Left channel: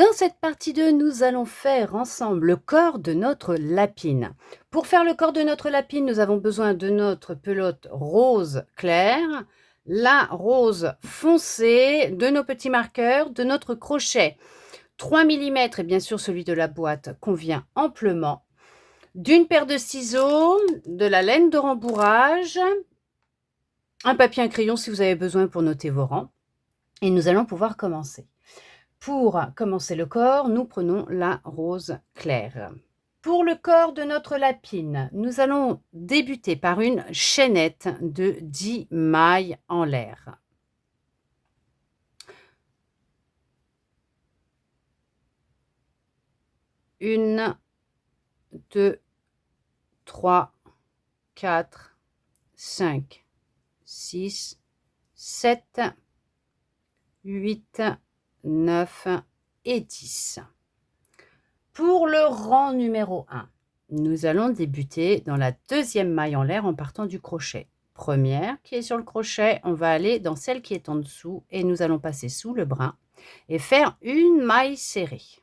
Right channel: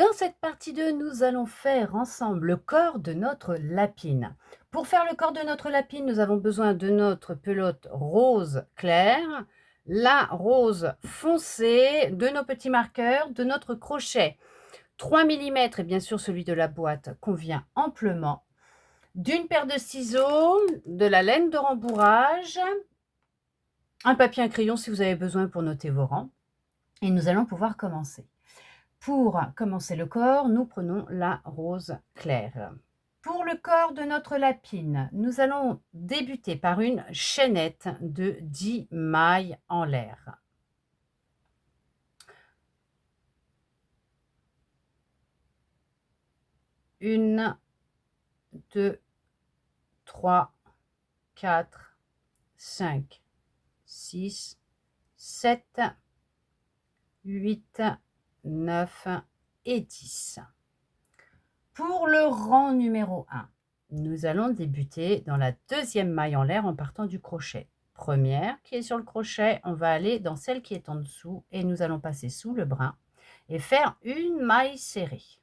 Dans cette partie 2, nous allons faire ensemble le corps de notre lapine. Pour faire le corps de notre lapine, nous avons besoin de notre pelote rose clair, la rose foncée, de nos petits marqueurs, de notre crochet 3 millimètres et bien sûr celui de la boîte convient amplement, d'une paire de ciseaux, de la laine de rembourrage, un papier, un crayon si vous avez besoin pour noter vos rangs et nous allons pouvoir commencer. Pour commencer le corps, nous prenons la rose claire. Pour le corps de notre lapine, nous allons débuter par une chaînette de 10 mailles en l'air. Une, 2, 3, 4, 5, 6, 7, 8, 9 et 10. Pour le rang numéro 1, nous allons débuter dans la deuxième maille en l'air en partant du crochet. Première qui est sur le crochet, on va aller dans celle qui est en dessous et nous allons passer sous le brin et faire une maille serrée.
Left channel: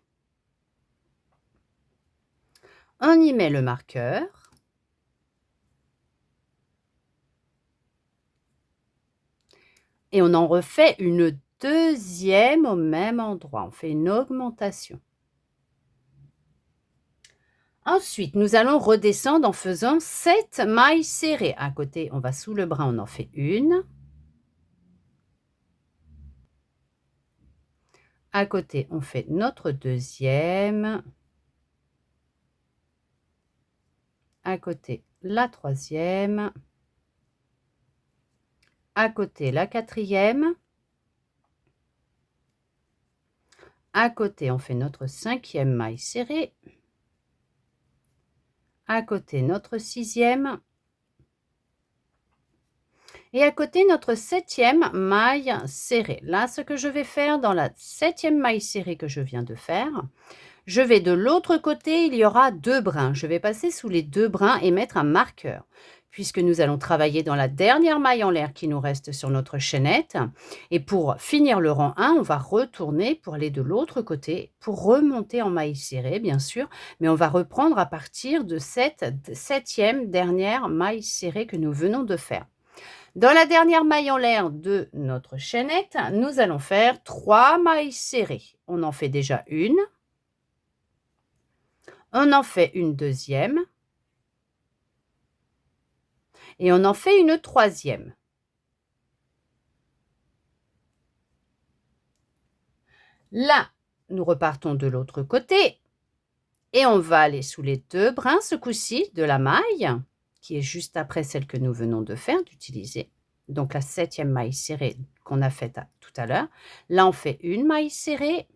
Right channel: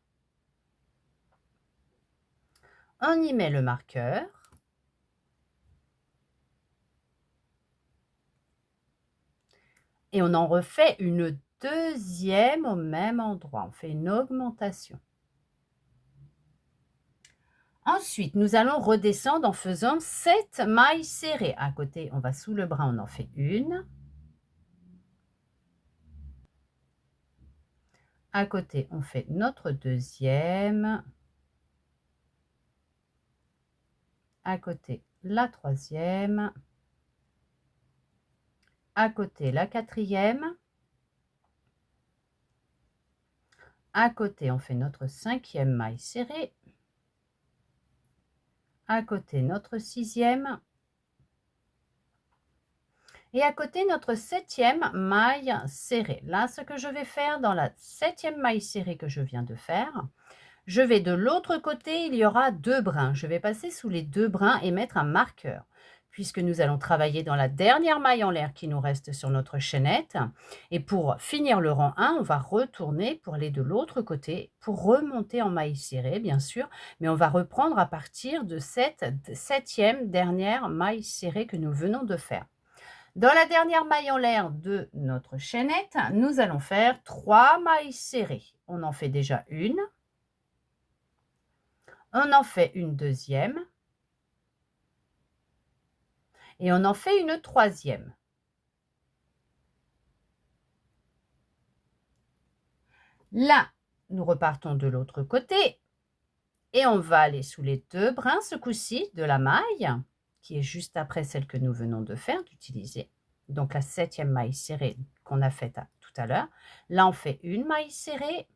On y met le marqueur. Et on en refait une deuxième au même endroit. On fait une augmentation. Ensuite, nous allons redescendre en faisant 7 mailles serrées. À côté, on va sous le brin, on en fait une. À côté, on fait notre deuxième. À côté, la troisième. À côté, la quatrième. À côté, on fait notre cinquième maille serrée. À côté, notre sixième. Et à côté, notre septième maille serrée. Là, ce que je vais faire dans la septième maille serrée que je viens de faire, je vais de l'autre côté, il y aura 2 brins. Je vais passer sous les 2 brins et mettre un marqueur, puisque nous allons travailler dans la dernière maille en l'air qui nous reste sur notre chaînette. Et pour finir le rang 1, on va retourner pour aller de l'autre côté, pour remonter en maille serrée, bien sûr, mais on va reprendre à partir de cette septième dernière maille serrée que nous venons de faire. Dans la dernière maille en l'air de notre chaînette, nous allons faire 3 mailles serrées. On en fait déjà une. On en fait une deuxième. Et on en fait une troisième. Là, nous repartons de l'autre côté. Et on va aller sous les 2 brins, ce coup-ci, de la maille, qui est juste après celle que nous venons de faire, d'utiliser. Donc la septième maille serrée qu'on a faite tout à l'heure. Là, on fait une maille serrée.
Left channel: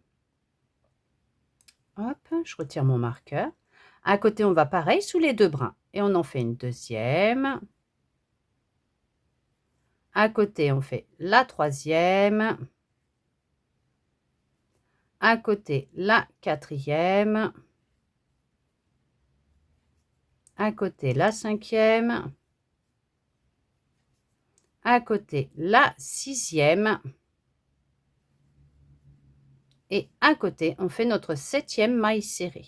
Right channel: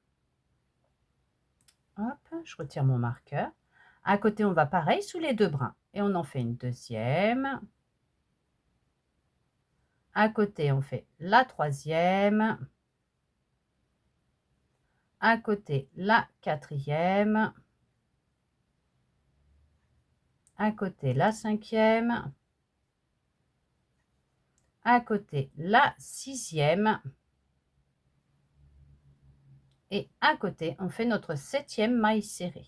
Hop, je retire mon marqueur. À côté, on va pareil sous les 2 brins. Et on en fait une deuxième. À côté, on fait la troisième. À côté, la quatrième. À côté, la cinquième. À côté, la sixième. Et à côté, on fait notre septième maille serrée.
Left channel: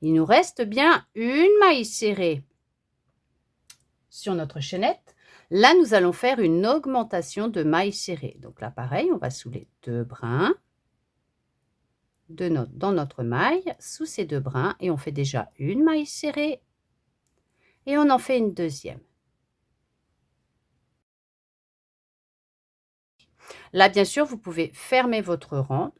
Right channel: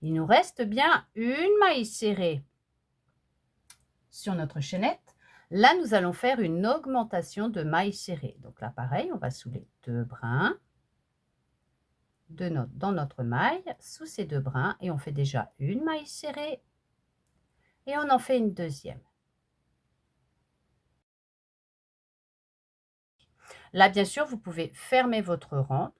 Il nous reste bien une maille serrée sur notre chaînette. Là, nous allons faire une augmentation de mailles serrées. Donc là, pareil, on va sous les 2 brins dans notre maille, sous ces 2 brins, et on fait déjà une maille serrée. Et on en fait une deuxième. Là, bien sûr, vous pouvez fermer votre rang.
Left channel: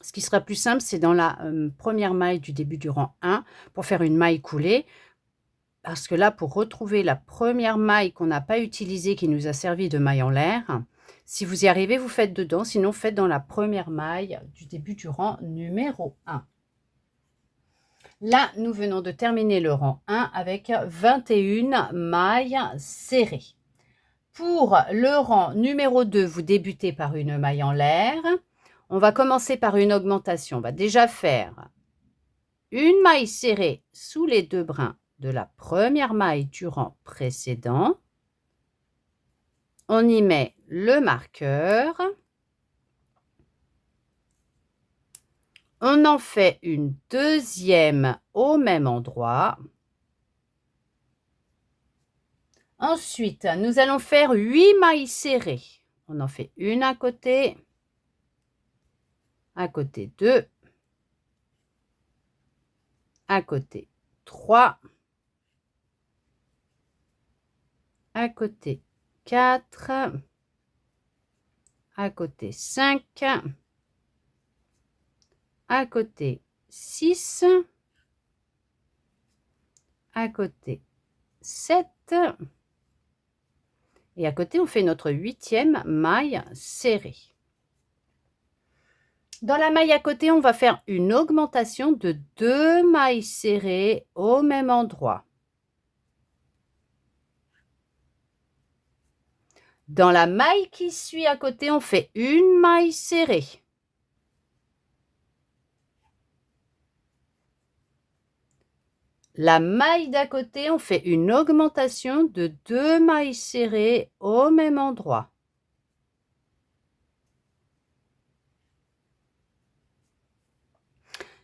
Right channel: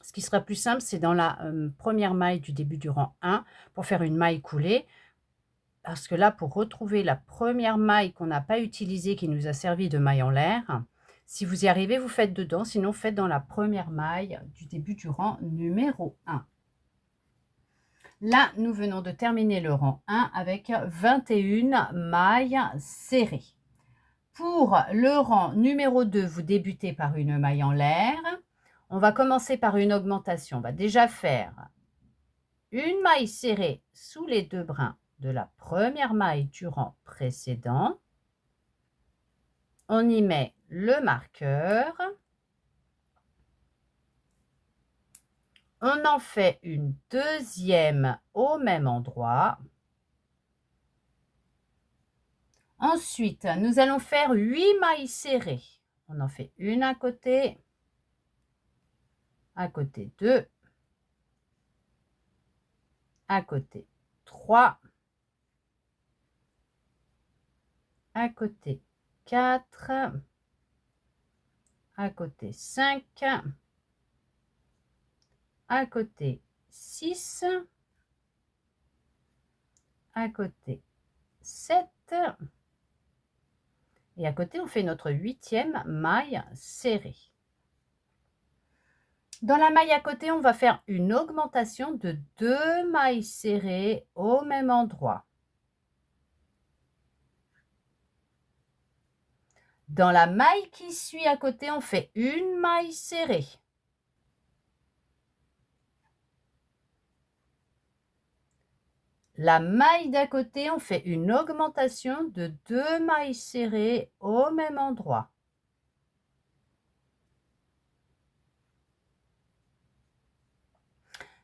Ce qui sera plus simple, c'est dans la première maille du début du rang 1 pour faire une maille coulée. Parce que là, pour retrouver la première maille qu'on n'a pas utilisée, qui nous a servi de maille en l'air, si vous y arrivez, vous faites dedans. Sinon, faites dans la première maille du début du rang numéro 1. Là, nous venons de terminer le rang 1 avec 21 mailles serrées. Pour le rang numéro 2, vous débutez par une maille en l'air. On va commencer par une augmentation. On va déjà faire une maille serrée sous les 2 brins de la première maille du rang précédent. On y met le marqueur. On en fait une deuxième au même endroit. Ensuite, nous allons faire 8 mailles serrées. On en fait une à côté 2, à côté 3, à côté 4, à côté 5, à côté 6, à côté 7, et à côté on fait notre 8e maille serrée. Dans la maille à côté, on va faire une augmentation de 2 mailles serrées au même endroit. Dans la maille qui suit à côté, on fait une maille serrée. La maille d'à côté, on fait une augmentation de 2 mailles serrées au même endroit.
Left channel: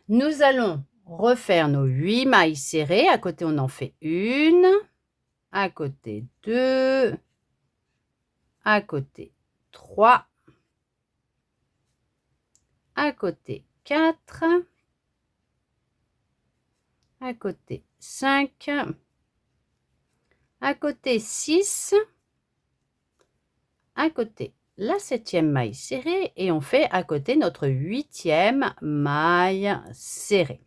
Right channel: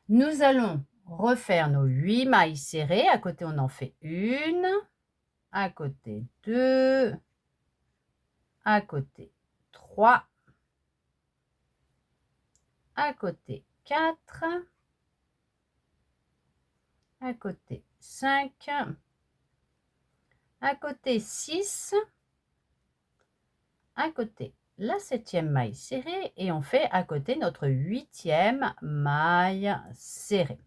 Nous allons refaire nos 8 mailles serrées. À côté, on en fait une, à côté 2, à côté 3, à côté 4, à côté 5, à côté 6, à côté la 7e maille serrée et on fait à côté notre 8e maille serrée.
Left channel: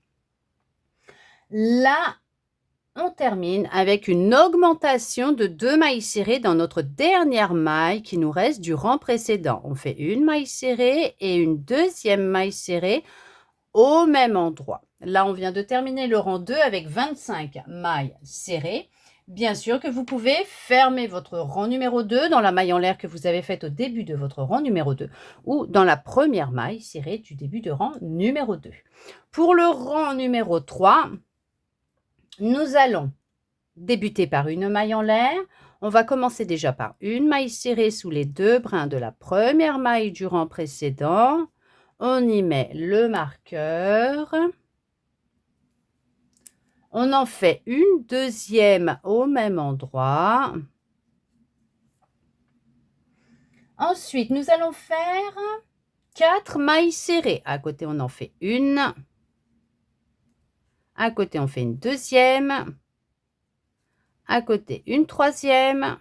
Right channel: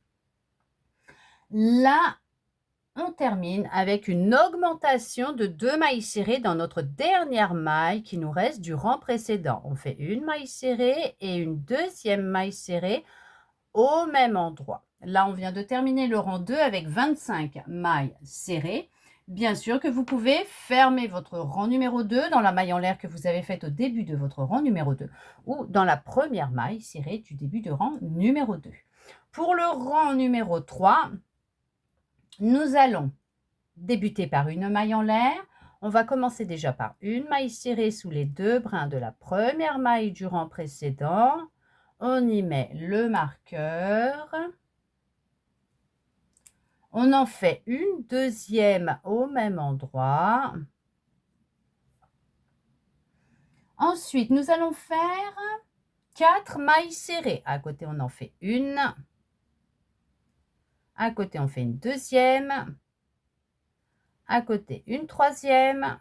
Là, on termine avec une augmentation de 2 mailles serrées dans notre dernière maille qui nous reste du rang précédent. On fait une maille serrée et une deuxième maille serrée au même endroit. Là, on vient de terminer le rang 2 avec 25 mailles serrées. Bien sûr que vous pouvez fermer votre rang numéro 2 dans la maille en l'air que vous avez faite au début de votre rang numéro 2 ou dans la première maille serrée du début de rang numéro 2. Pour le rang numéro 3, nous allons débuter par une maille en l'air. On va commencer déjà par une maille serrée sous les 2 brins de la première maille du rang précédent. On y met le marqueur. On en fait une deuxième au même endroit. Ensuite, nous allons faire 4 mailles serrées. À côté, on en fait une. À côté, on fait une deuxième. À côté, une troisième.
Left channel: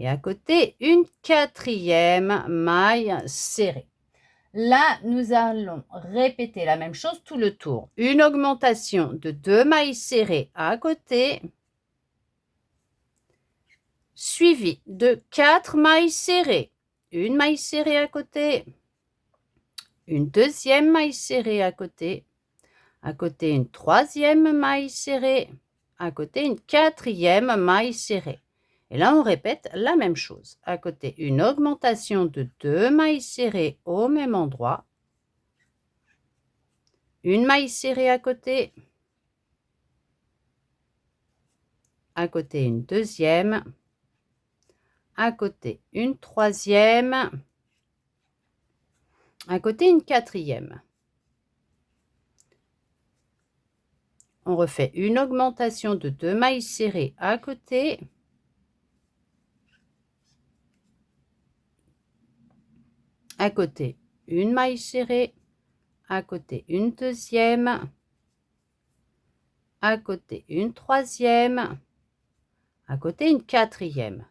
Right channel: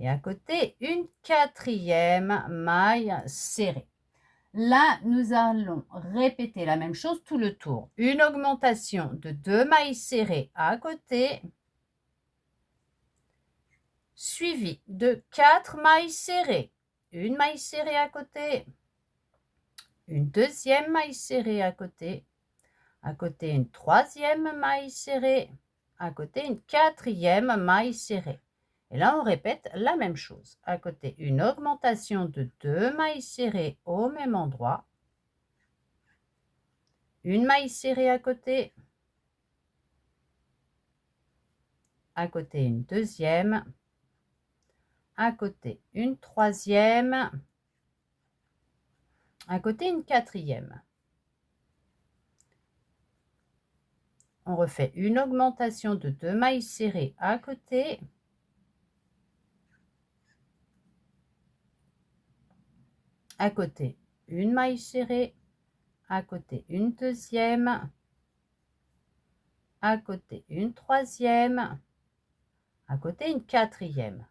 Et à côté, une quatrième maille serrée. Là, nous allons répéter la même chose tout le tour. Une augmentation de 2 mailles serrées à côté, suivi de 4 mailles serrées. Une maille serrée à côté, une deuxième maille serrée à côté une troisième maille serrée, à côté une quatrième maille serrée. Et là, on répète la même chose. À côté, une augmentation de 2 mailles serrées au même endroit, une maille serrée à côté une deuxième, à côté une troisième, à côté une quatrième. On refait une augmentation de 2 mailles serrées à côté, une maille serrée, à côté une deuxième, à côté une troisième, à côté une quatrième.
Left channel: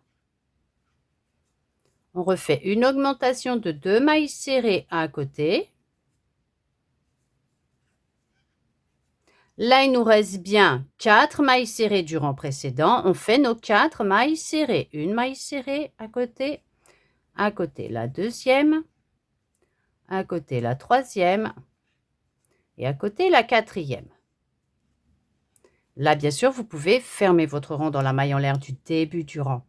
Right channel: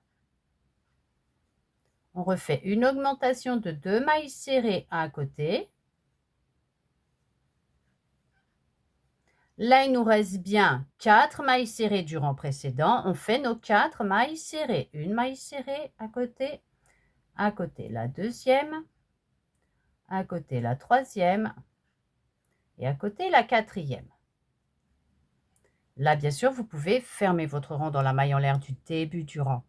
On refait une augmentation de 2 mailles serrées à côté. Là, il nous reste bien 4 mailles serrées du rang précédent. On fait nos 4 mailles serrées. Une maille serrée à côté la deuxième, à côté la troisième et à côté la quatrième. Là, bien sûr, vous pouvez fermer votre rang dans la maille en l'air du début du rang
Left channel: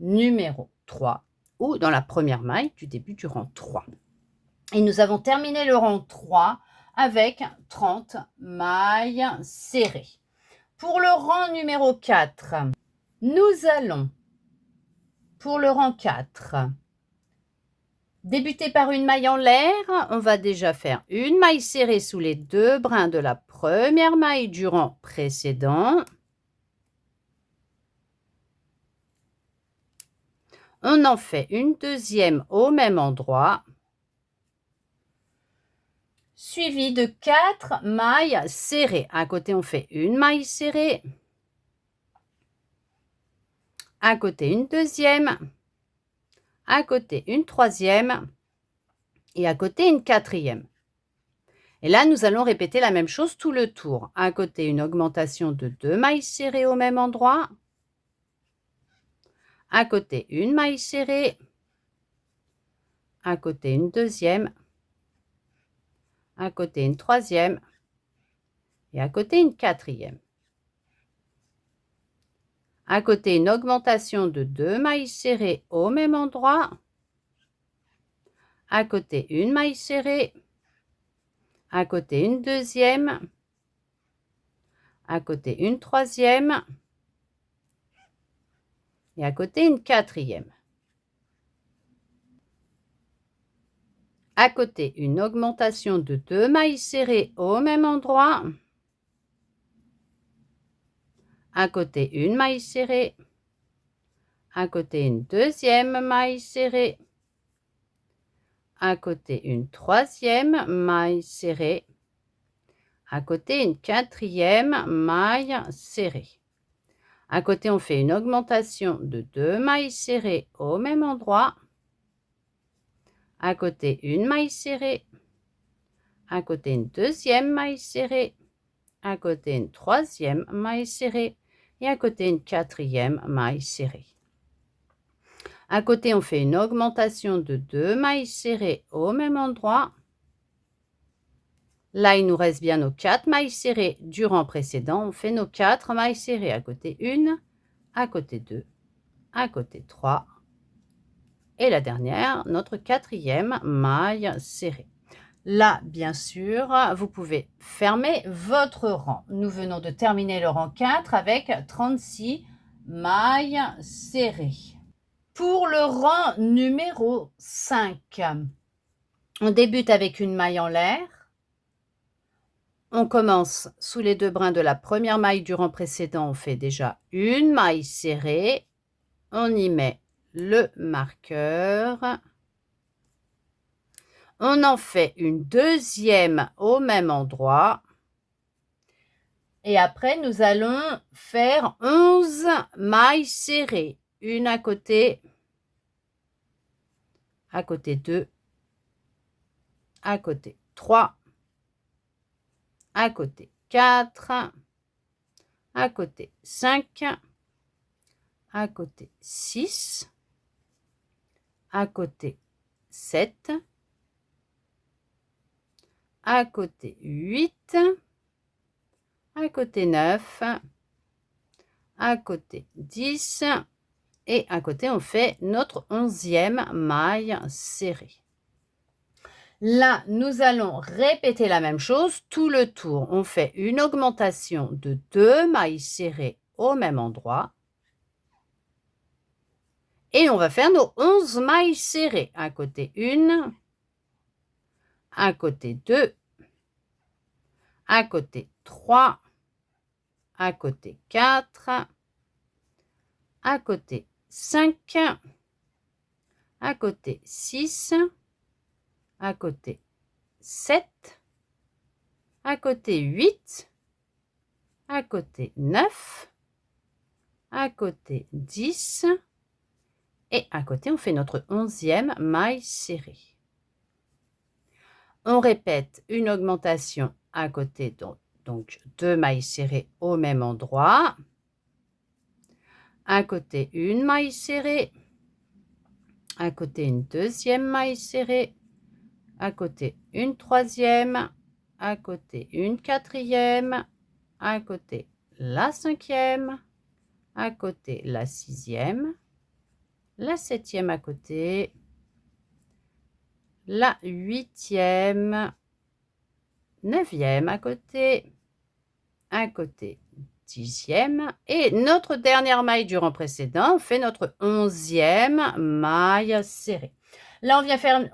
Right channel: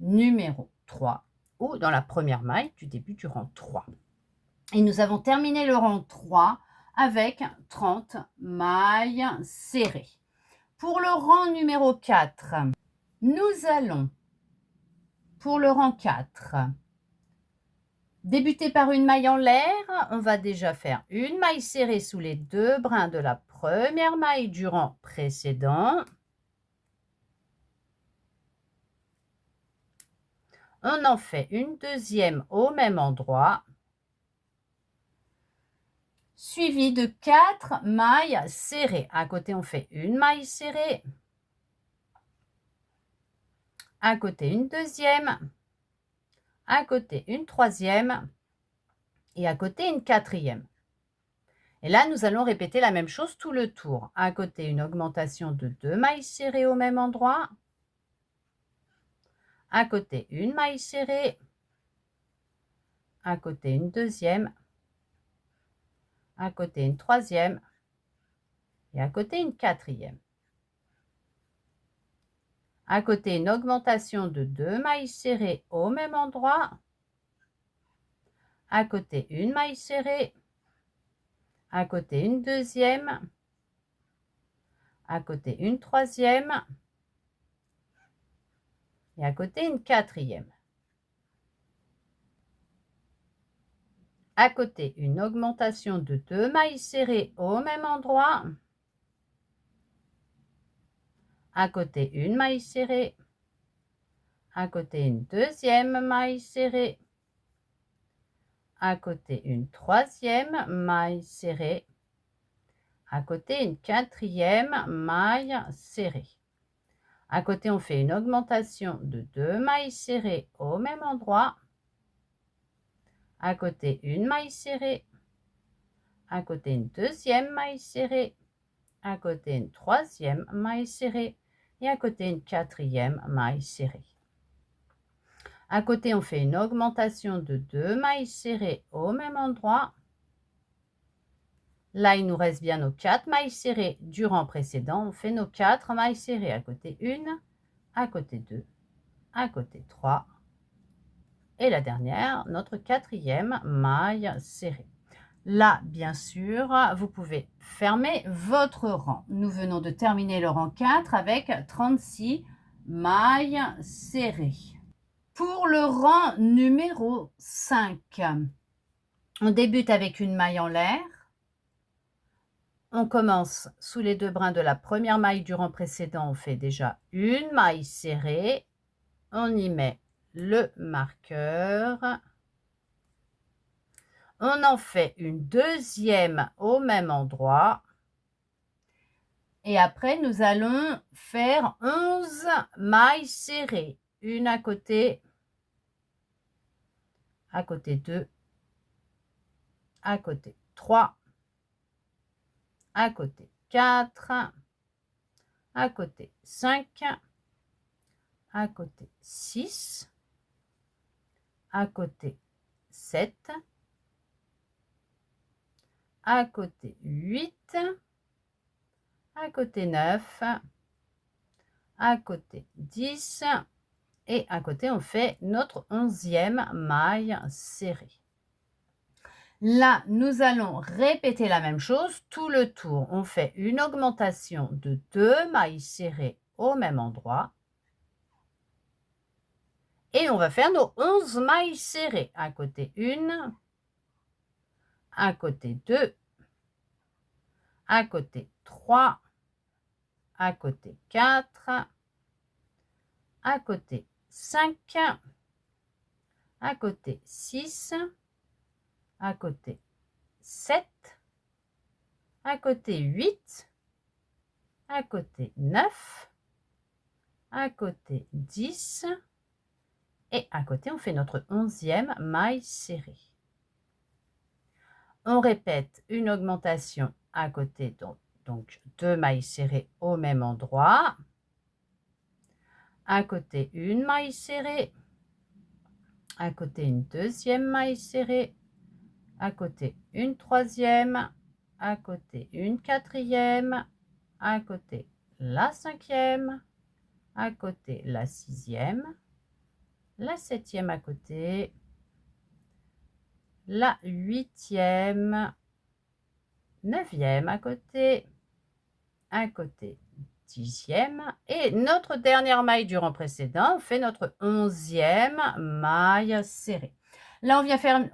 numéro 3 ou dans la première maille du début du rang 3. Et nous avons terminé le rang 3 avec 30 mailles serrées. Pour le rang numéro 4, nous allons, pour le rang 4, Débuter par une maille en l'air, on va déjà faire une maille serrée sous les 2 brins de la première maille du rang précédent. On en fait une deuxième au même endroit, suivi de 4 mailles serrées. À côté, on fait une maille serrée, à côté une deuxième, à côté une troisième et à côté une quatrième. Et là, nous allons répéter la même chose tout le tour. À côté, une augmentation de 2 mailles serrées au même endroit, à côté une maille serrée, à côté une deuxième, à côté une troisième et à côté une quatrième. À côté une augmentation de 2 mailles serrées au même endroit, à côté une maille serrée, à côté une deuxième, à côté une troisième et à côté une quatrième. À côté une augmentation de 2 mailles serrées au même endroit, à côté une maille serrée, à côté une deuxième maille serrée, à côté une troisième maille serrée, à côté une quatrième maille serrée. À côté, on fait une augmentation de 2 mailles serrées au même endroit, à côté une maille serrée, à côté une deuxième maille serrée, à côté une troisième maille serrée et à côté une quatrième maille serrée. À côté, on fait une augmentation de 2 mailles serrées au même endroit. Là, il nous reste bien nos 4 mailles serrées du rang précédent. On fait nos 4 mailles serrées à côté 1, à côté 2, à côté 3 et la dernière, notre quatrième maille serrée. Là, bien sûr, vous pouvez fermer votre rang. Nous venons de terminer le rang 4 avec 36 mailles serrées. Pour le rang numéro 5, on débute avec une maille en l'air. On commence sous les 2 brins de la première maille du rang précédent. On fait déjà une maille serrée. On y met le marqueur. On en fait une deuxième au même endroit. Et après, nous allons faire 11 mailles serrées. Une à côté 2, à côté 3, à côté 4, à côté 5, à côté 6, à côté 7, à côté 8, à côté 9, à côté 10 et à côté on fait notre 11e maille serrée. Là, nous allons répéter la même chose tout le tour. On fait une augmentation de 2 mailles serrées au même endroit. Et on va faire nos 11 mailles serrées. À côté 1, à côté 2, à côté 3, à côté 4, à côté 5, à côté 6, à côté 7, à côté 8, à côté 9, à côté 10 et à côté on fait notre 11e maille serrée. On répète une augmentation à côté, donc 2 mailles serrées au même endroit. À côté une maille serrée, à côté une deuxième maille serrée, à côté une troisième, à côté une quatrième, à côté la cinquième, à côté la sixième, la septième à côté, la huitième, neuvième à côté 10e et notre dernière maille du rang précédent, on fait notre 11e maille serrée. Là,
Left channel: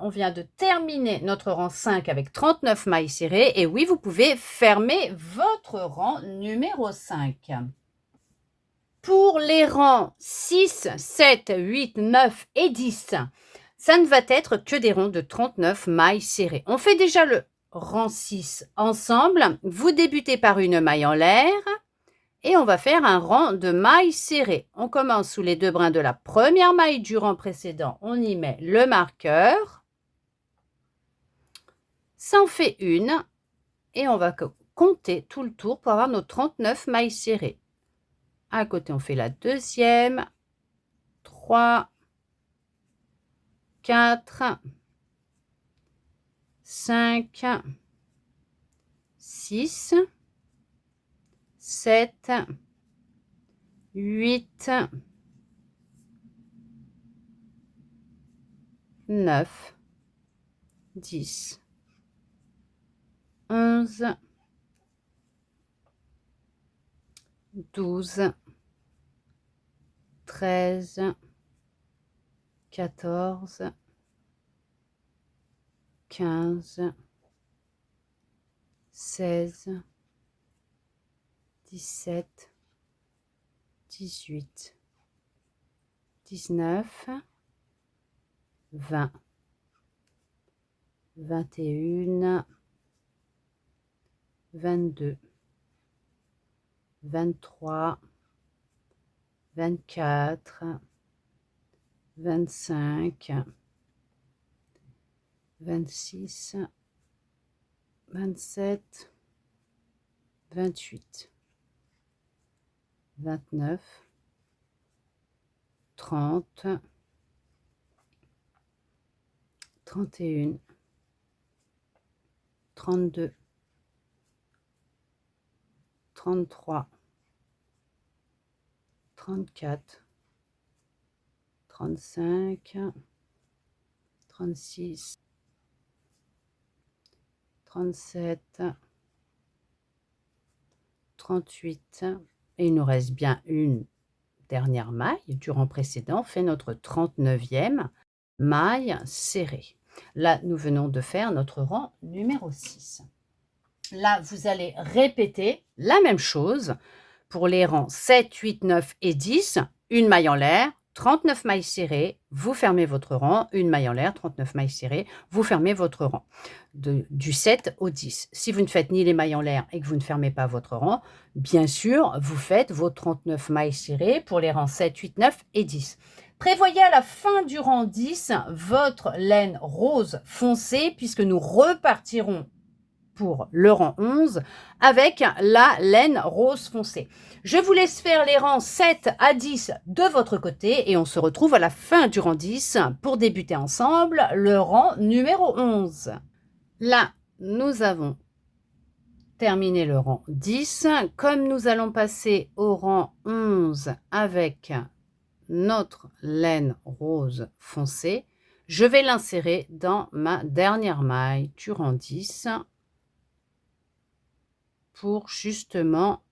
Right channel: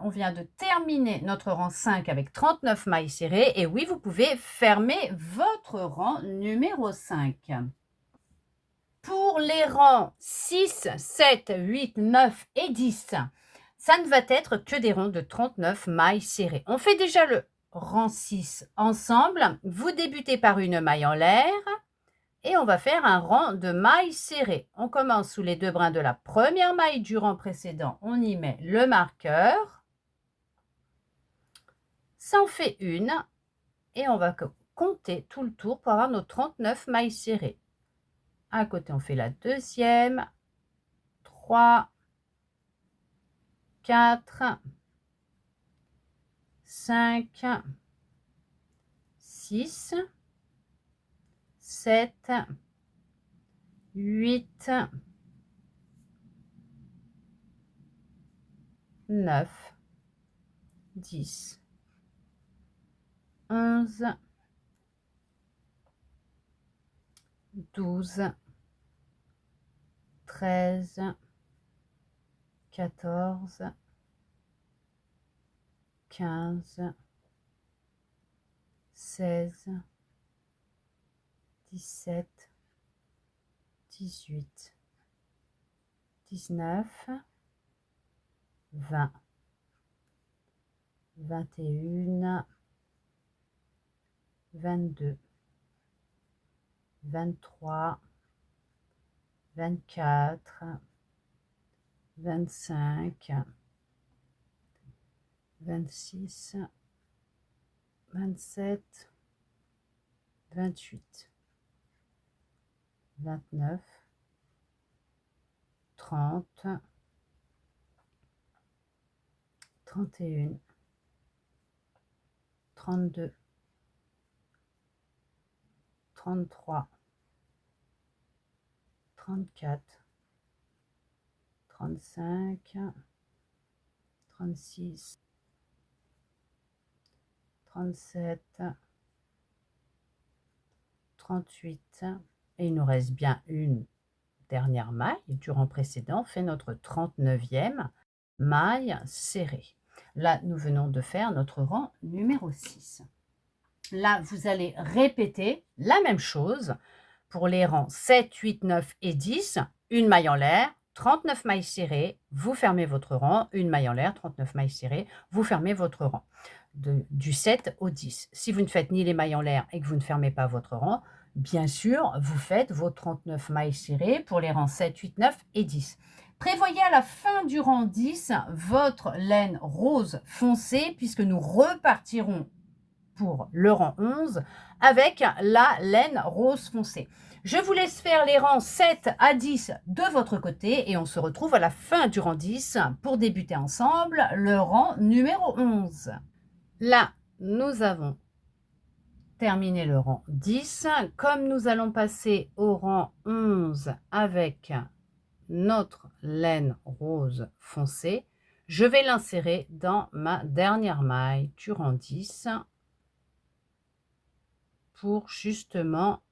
on vient de terminer notre rang 5 avec 39 mailles serrées. Et oui, vous pouvez fermer votre rang numéro 5. Pour les rangs 6, 7, 8, 9 et 10, ça ne va être que des ronds de 39 mailles serrées. On fait déjà le rang 6 ensemble. Vous débutez par une maille en l'air et on va faire un rang de mailles serrées. On commence sous les 2 brins de la première maille du rang précédent. On y met le marqueur. Ça en fait une et on va compter tout le tour pour avoir nos 39 mailles serrées. À côté, on fait la deuxième, 3, 4, 5, 6, 7, 8, 9, 10, 11, 12, 13, 14, 15, 16, 17, 18, 19, 20, 21, 22, 23, 24, 25, 26, 27, 28, 29, 30, 31, 32, 33, 34, 35, 36, 37, 38, et il nous reste bien une dernière maille du rang précédent. On fait notre 39e maille serrée. Là, nous venons de faire notre rang numéro 6. Là, vous allez répéter la même chose pour les rangs 7, 8, 9 et 10. Une maille en l'air, 39 mailles serrées, vous fermez votre rang, une maille en l'air, 39 mailles serrées, vous fermez votre rang, du 7 au 10. Si vous ne faites ni les mailles en l'air et que vous ne fermez pas votre rang, bien sûr, vous faites vos 39 mailles serrées pour les rangs 7, 8, 9 et 10. Prévoyez à la fin du rang 10 votre laine rose foncée puisque nous repartirons pour le rang 11 avec la laine rose foncée. Je vous laisse faire les rangs 7 à 10 de votre côté et on se retrouve à la fin du rang 10 pour débuter ensemble le rang numéro 11. Là, nous avons terminé le rang 10. Comme nous allons passer au rang 11 avec notre laine rose foncée, je vais l'insérer dans ma dernière maille du rang 10 pour justement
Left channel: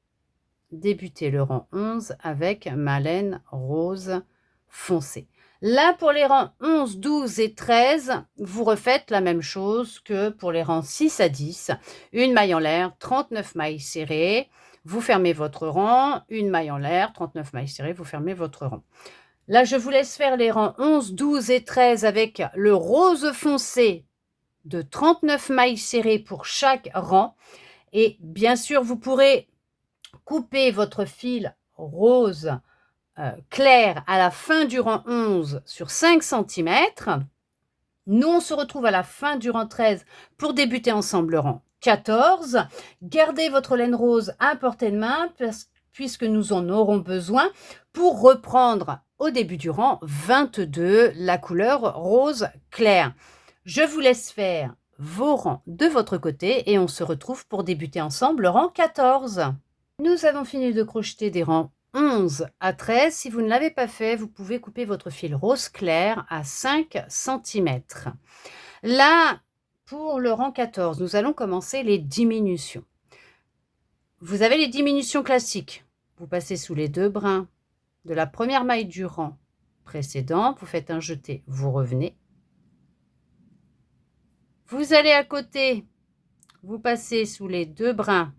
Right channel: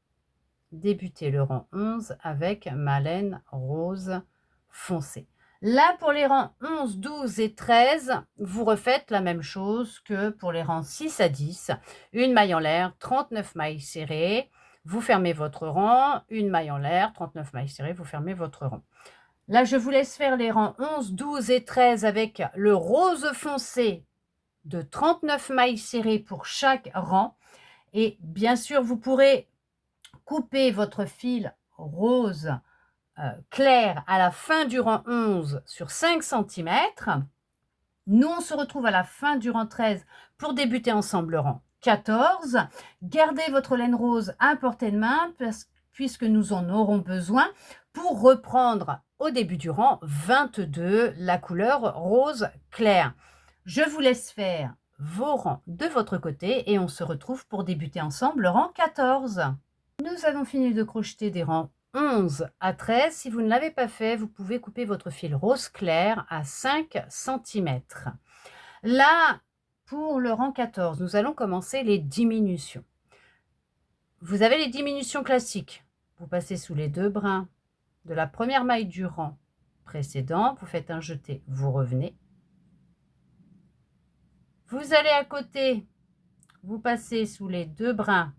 débuter le rang 11 avec ma laine rose foncée. Là, pour les rangs 11, 12 et 13, vous refaites la même chose que pour les rangs 6 à 10. Une maille en l'air, 39 mailles serrées, vous fermez votre rang, une maille en l'air, 39 mailles serrées, vous fermez votre rang. Là, je vous laisse faire les rangs 11, 12 et 13 avec le rose foncé de 39 mailles serrées pour chaque rang. Et bien sûr, vous pourrez couper votre fil rose clair à la fin du rang 11 sur 5 cm. Nous, on se retrouve à la fin du rang 13 pour débuter ensemble le rang 14. Gardez votre laine rose à portée de main puisque nous en aurons besoin pour reprendre au début du rang 22 la couleur rose clair. Je vous laisse faire vos rangs de votre côté et on se retrouve pour débuter ensemble le rang 14. Nous avons fini de crocheter des rangs 11 à 13. Si vous ne l'avez pas fait, vous pouvez couper votre fil rose clair à 5 cm. Là, pour le rang 14, nous allons commencer les diminutions. Vous avez les diminutions classiques. Vous passez sous les 2 brins de la première maille du rang précédent, vous faites un jeté, vous revenez. Vous allez à côté, vous passez sous les 2 brins,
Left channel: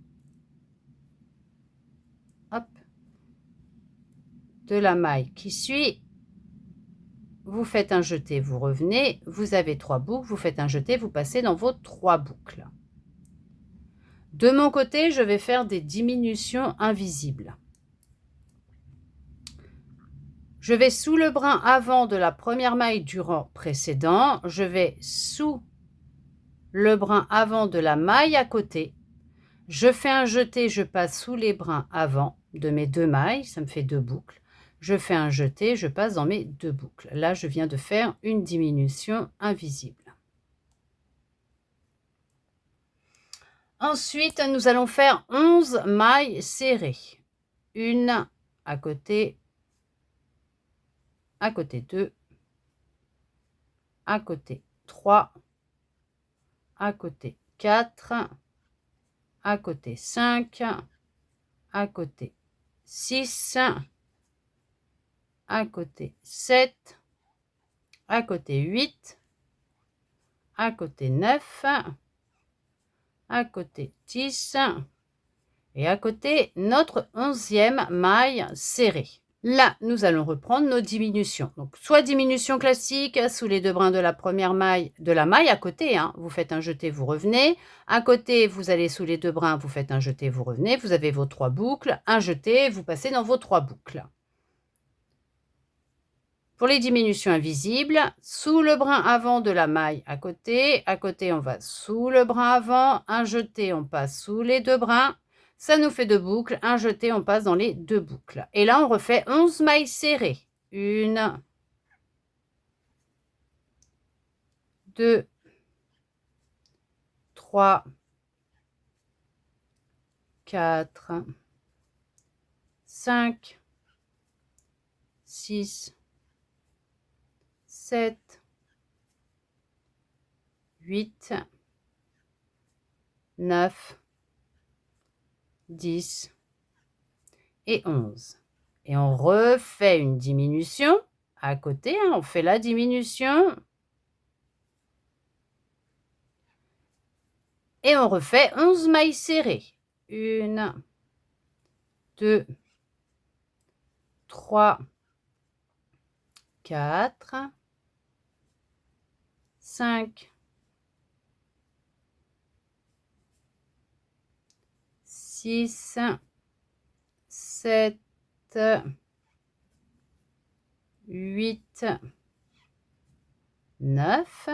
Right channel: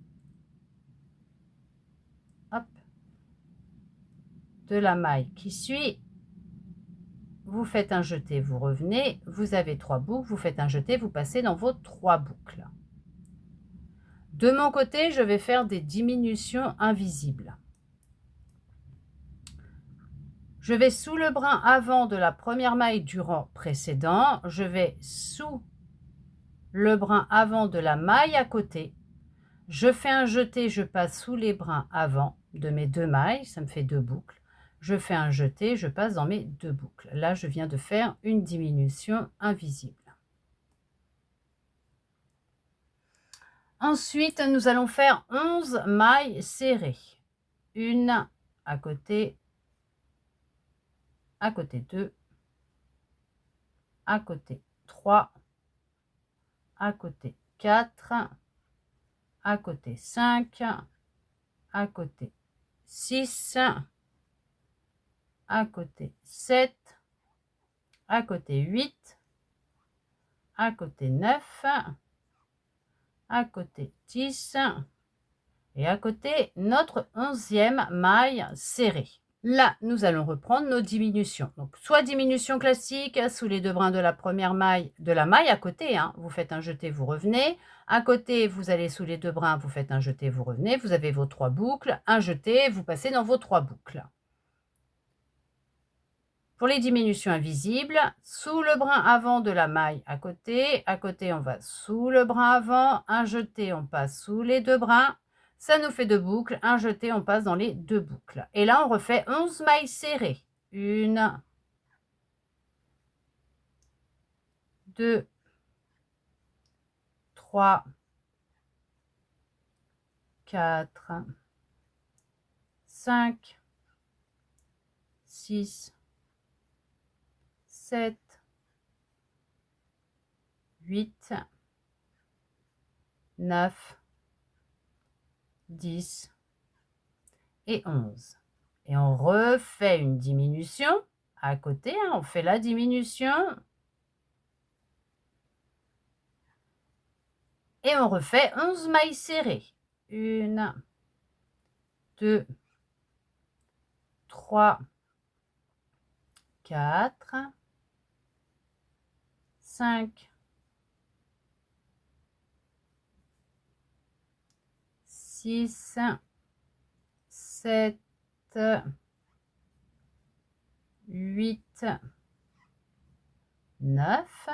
hop, de la maille qui suit. Vous faites un jeté, vous revenez, vous avez 3 boucles, vous faites un jeté, vous passez dans vos 3 boucles. De mon côté, je vais faire des diminutions invisibles. Je vais sous le brin avant de la première maille du rang précédent, je vais sous le brin avant de la maille à côté. Je fais un jeté, je passe sous les brins avant de mes 2 mailles, ça me fait 2 boucles. Je fais un jeté, je passe dans mes 2 boucles. Là, je viens de faire une diminution invisible. Ensuite, nous allons faire 11 mailles serrées. Une à côté 2, à côté 3, à côté 4, à côté 5, à côté 6, à côté 7, à côté 8, à côté 9, à côté 10 et à côté notre 11e maille serrée. Là, nous allons reprendre nos diminutions. Donc, soit diminution classique sous les 2 brins de la première maille, de la maille à côté, hein, vous faites un jeté, vous revenez. À côté, vous allez sous les 2 brins, vous faites un jeté, vous revenez. Vous avez vos 3 boucles, un jeté, vous passez dans vos 3 boucles. Pour les diminutions invisibles, sous le brin avant de la maille à côté, on va sous le brin avant, un jeté, on passe sous les 2 brins. Ça nous fait 2 boucles, un jeté, on passe dans les 2 boucles. Et là, on refait 11 mailles serrées. 1, 2, 3, 4, 5, 6, 7, 8, 9, 10 et 11. Et on refait une diminution à côté, hein, on fait la diminution. Et on refait 11 mailles serrées. 1, 2, 3, 4, 5, 6, 7, 8, 9,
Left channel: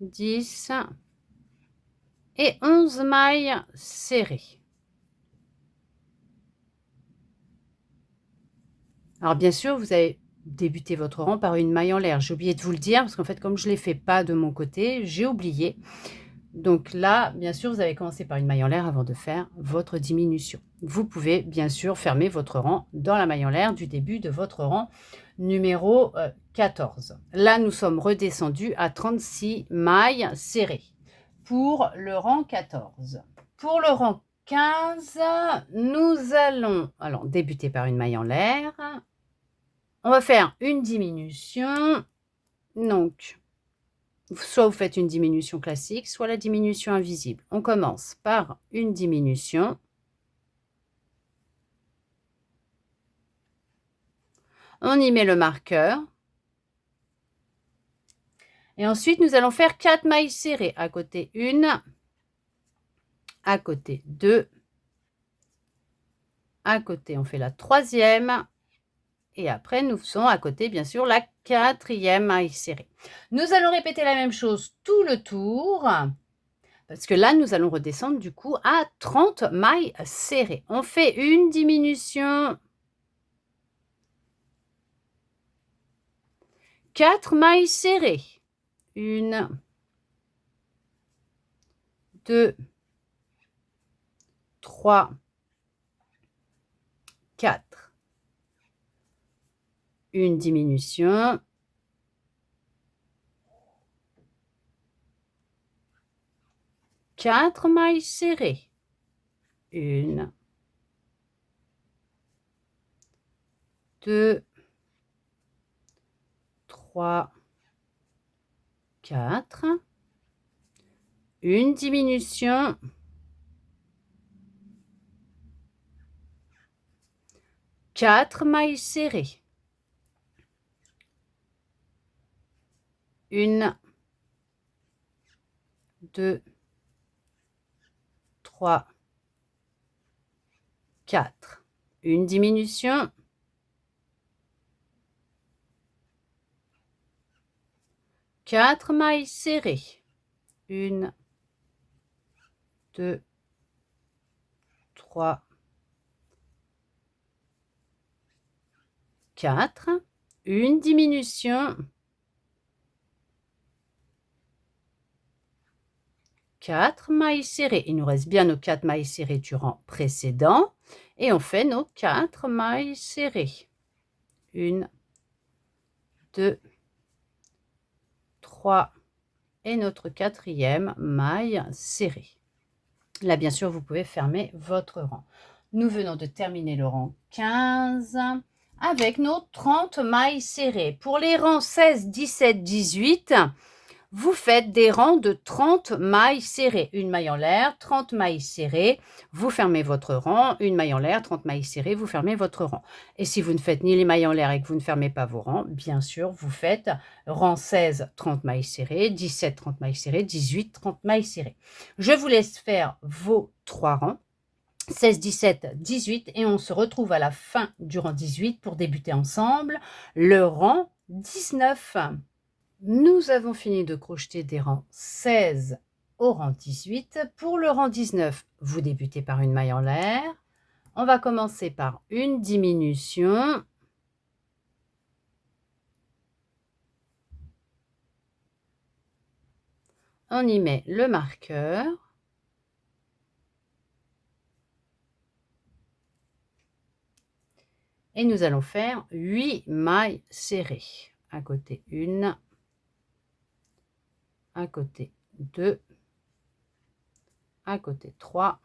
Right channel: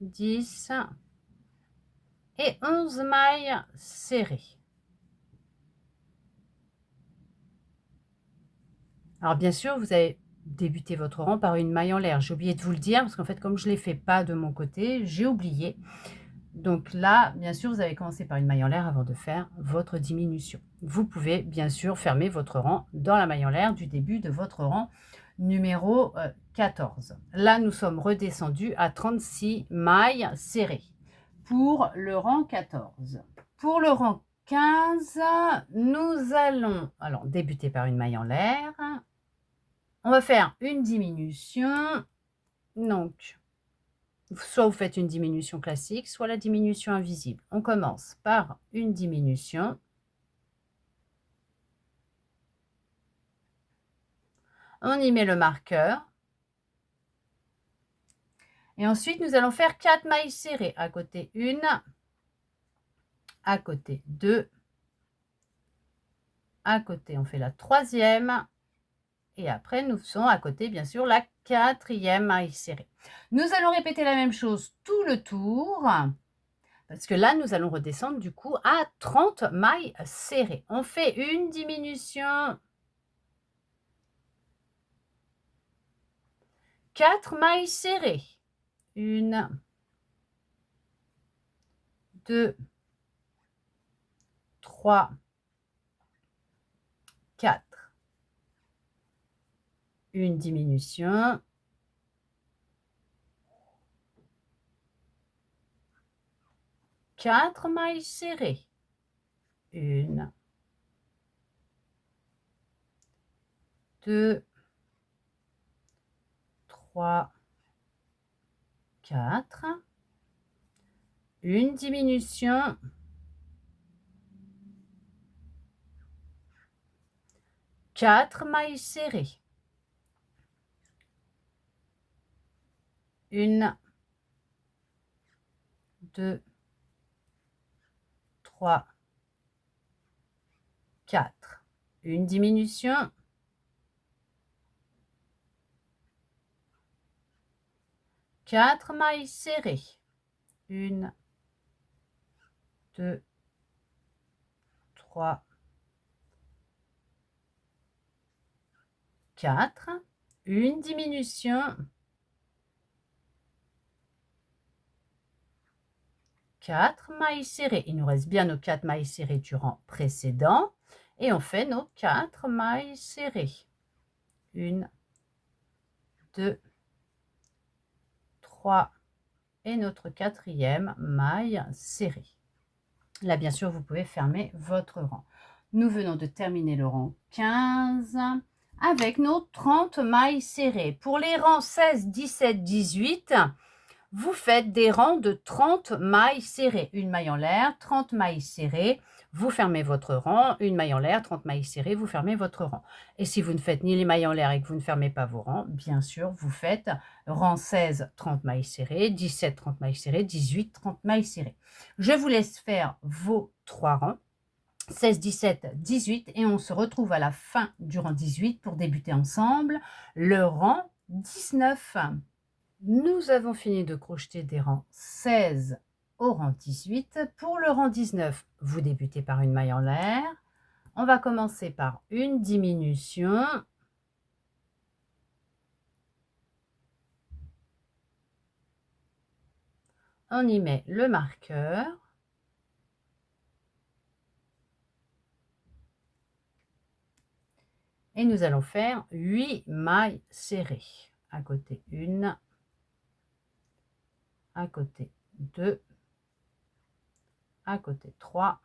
10 et 11 mailles serrées. Alors bien sûr, vous avez débuté votre rang par une maille en l'air. J'ai oublié de vous le dire parce qu'en fait, comme je ne l'ai fait pas de mon côté, j'ai oublié. Donc là, bien sûr, vous avez commencé par une maille en l'air avant de faire votre diminution. Vous pouvez bien sûr fermer votre rang dans la maille en l'air du début de votre rang numéro 14. Là, nous sommes redescendus à 36 mailles serrées pour le rang 14. Pour le rang 15, nous allons débuter par une maille en l'air. On va faire une diminution. Donc, soit vous faites une diminution classique, soit la diminution invisible. On commence par une diminution. On y met le marqueur. Et ensuite, nous allons faire 4 mailles serrées. À côté 1, à côté 2, à côté on fait la 3e. Et après, nous faisons à côté, bien sûr, la 4e maille serrée. Nous allons répéter la même chose tout le tour. Parce que là, nous allons redescendre du coup à 30 mailles serrées. On fait une diminution. 4 mailles serrées. 1, 2, 3, 4. Une diminution. 4 mailles serrées. 1, 2, 3, 4, une diminution, 4 mailles serrées, 1, 2, 3, 4, une diminution, 4 mailles serrées, 1, 2, 3, 4, une diminution, 4 mailles serrées. Il nous reste bien nos 4 mailles serrées du rang précédent et on fait nos 4 mailles serrées. 1, 2, 3 et notre 4e maille serrée. Là, bien sûr, vous pouvez fermer votre rang. Nous venons de terminer le rang 15 avec nos 30 mailles serrées. Pour les rangs 16, 17, 18, vous faites des rangs de 30 mailles serrées. Une maille en l'air, 30 mailles serrées, vous fermez votre rang. Une maille en l'air, 30 mailles serrées, vous fermez votre rang. Et si vous ne faites ni les mailles en l'air et que vous ne fermez pas vos rangs, bien sûr, vous faites rang 16, 30 mailles serrées, 17, 30 mailles serrées, 18, 30 mailles serrées. Je vous laisse faire vos 3 rangs. 16, 17, 18 et on se retrouve à la fin du rang 18 pour débuter ensemble le rang 19. Nous avons fini de crocheter des rangs 16 au rang 18. Pour le rang 19, vous débutez par une maille en l'air. On va commencer par une diminution. On y met le marqueur. Et nous allons faire 8 mailles serrées. À côté 1, à côté 2, à côté 3,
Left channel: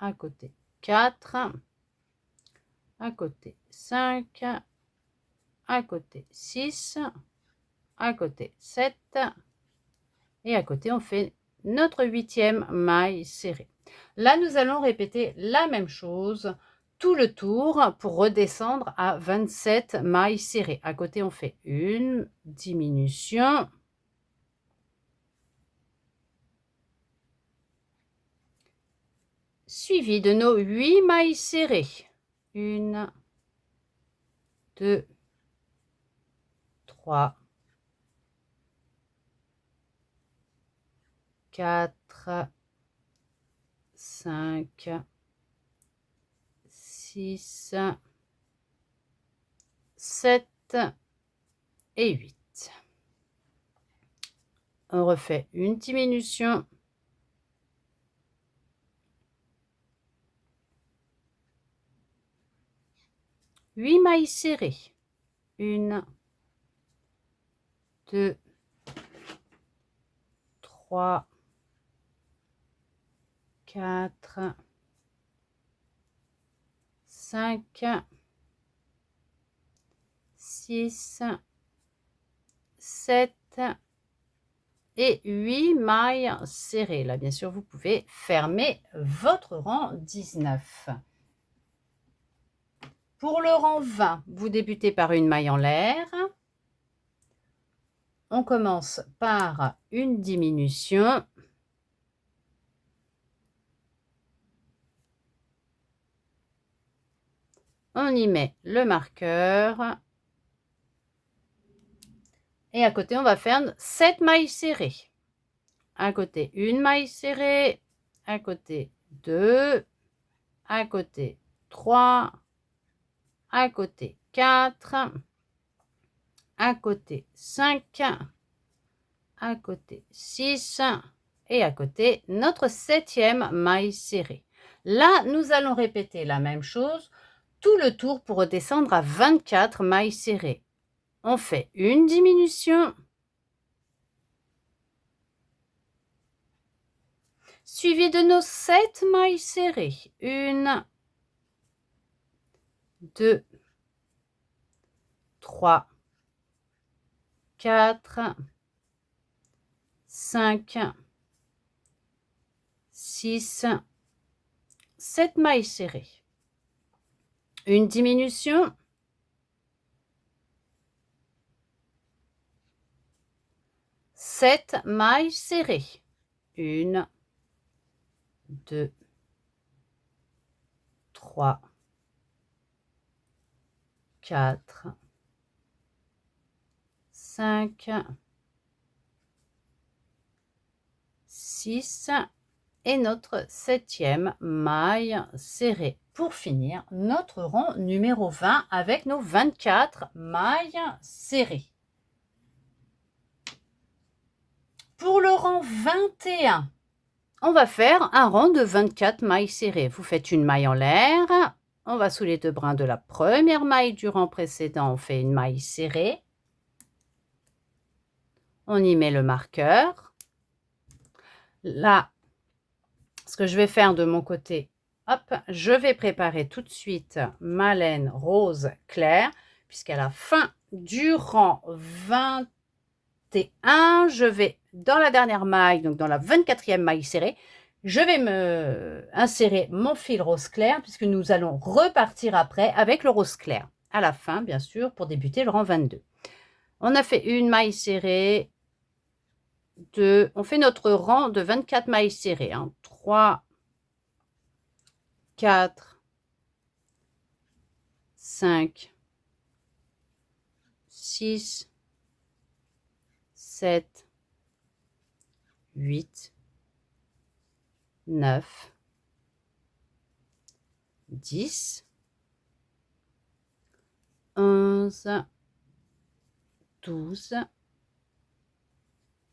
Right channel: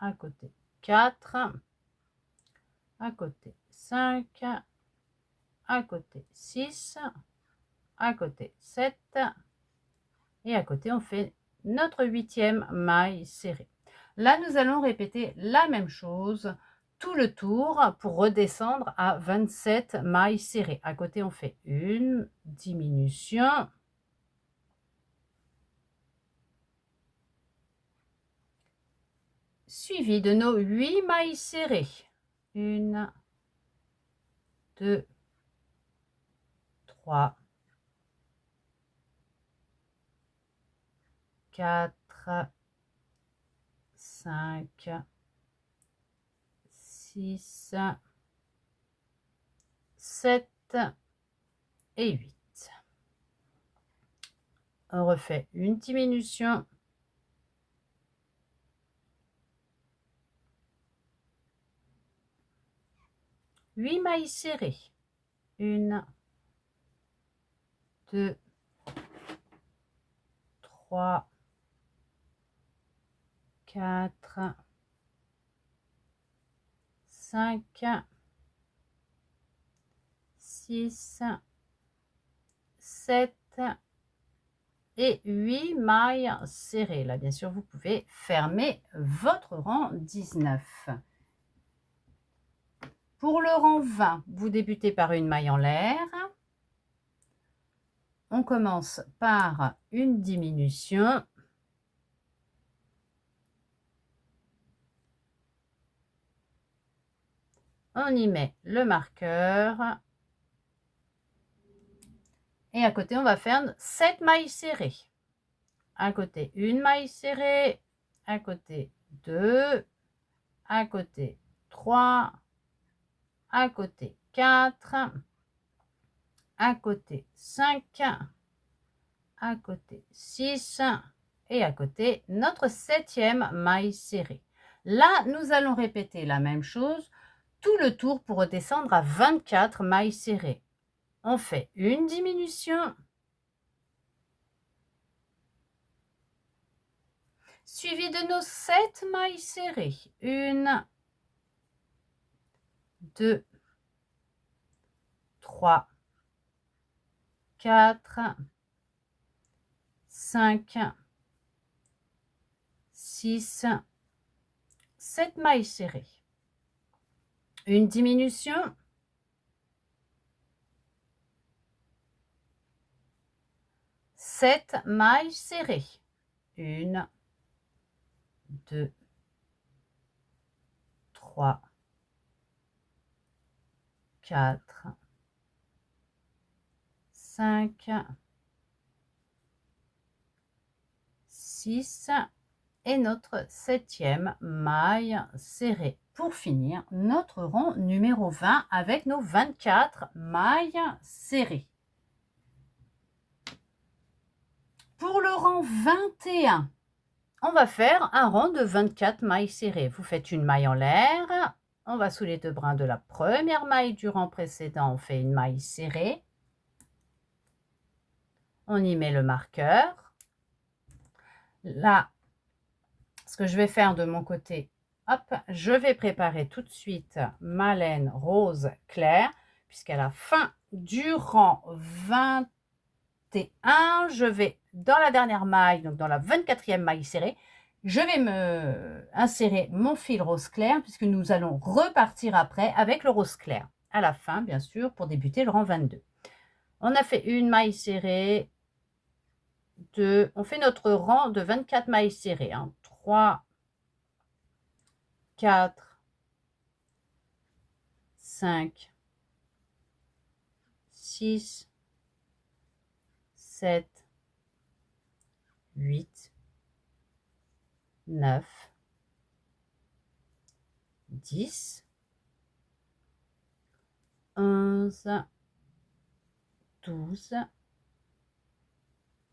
à côté 4, à côté 5, à côté 6, à côté 7 et à côté on fait notre 8e maille serrée. Là nous allons répéter la même chose tout le tour pour redescendre à 27 mailles serrées. À côté on fait une diminution, suivi de nos 8 mailles serrées. 1, 2, 3, 4, 5, 6, 7 et 8. On refait une diminution. Huit mailles serrées. 1, 2, 3, 4, 5, 6, 7 et 8 mailles serrées. Là, bien sûr, vous pouvez fermer votre rang 19. Pour le rang 20, vous débutez par une maille en l'air. On commence par une diminution. On y met le marqueur. Et à côté, on va faire 7 mailles serrées. À côté, une maille serrée. À côté, 2. À côté, 3. À côté, 4. À côté, 5. À côté, 6. Et à côté, notre 7e maille serrée. Là, nous allons répéter la même chose tout le tour pour redescendre à 24 mailles serrées. On fait une diminution, suivie de nos 7 mailles serrées. 1, 2, 3, 4, 5, 6, 7 mailles serrées. Une diminution. 7 mailles serrées. 1, 2, 3, 4, 5, 6 et notre 7e maille serrée. Pour finir notre rang numéro 20 avec nos 24 mailles serrées. Pour le rang 21, on va faire un rang de 24 mailles serrées. Vous faites une maille en l'air, on va sous les 2 brins de la première maille du rang précédent, on fait une maille serrée. On y met le marqueur. Là, ce que je vais faire de mon côté, hop, je vais préparer tout de suite ma laine rose clair, puisqu'à la fin du rang 21, je vais dans la dernière maille, donc dans la 24e maille serrée, je vais me insérer mon fil rose clair, puisque nous allons repartir après avec le rose clair. À la fin, bien sûr, pour débuter le rang 22. On a fait une maille serrée, 2, on fait notre rang de 24 mailles serrées, 3, 4, 5, 6, 7, 8, 9, 10, 11, 12,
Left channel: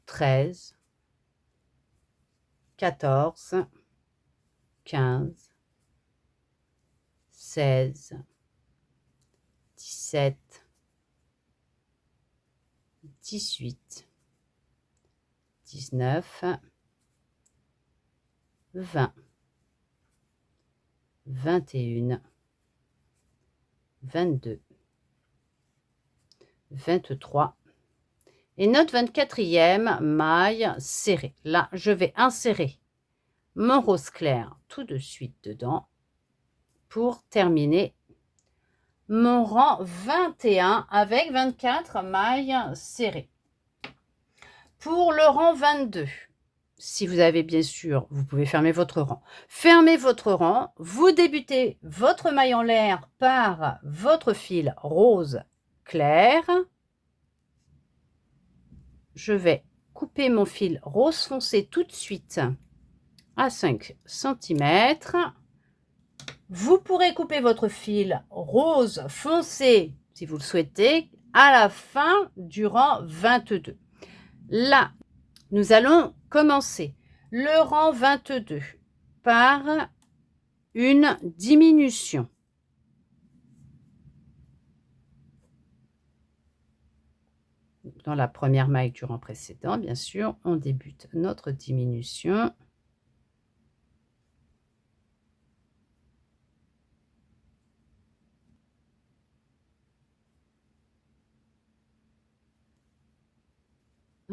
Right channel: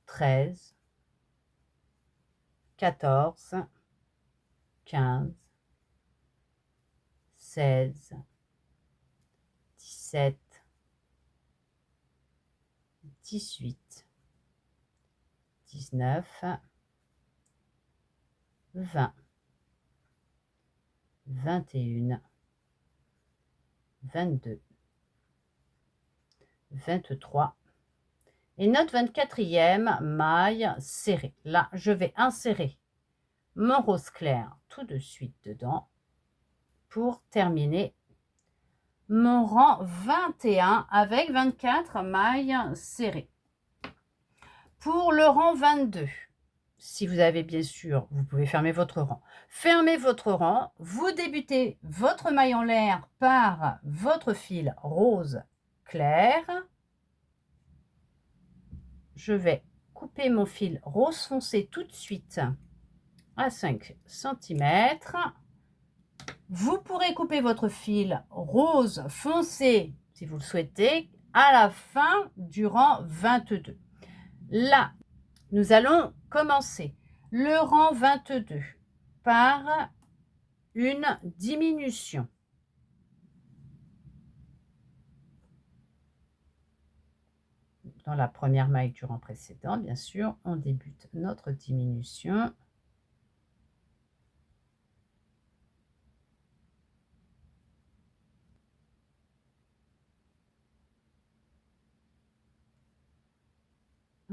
13, 14, 15, 16, 17, 18, 19, 20, 21, 22, 23 et notre 24e maille serrée. Là, je vais insérer mon rose clair tout de suite dedans pour terminer mon rang 21 avec 24 mailles serrées. Pour le rang 22, si vous avez bien sûr, vous pouvez fermer votre rang. Fermez votre rang, vous débutez votre maille en l'air par votre fil rose clair. Je vais couper mon fil rose foncé tout de suite à 5 cm. Vous pourrez couper votre fil rose foncé, si vous le souhaitez, à la fin du rang 22. Là, nous allons commencer le rang 22 par une diminution. Dans la première maille du rang précédent, bien sûr, on débute notre diminution.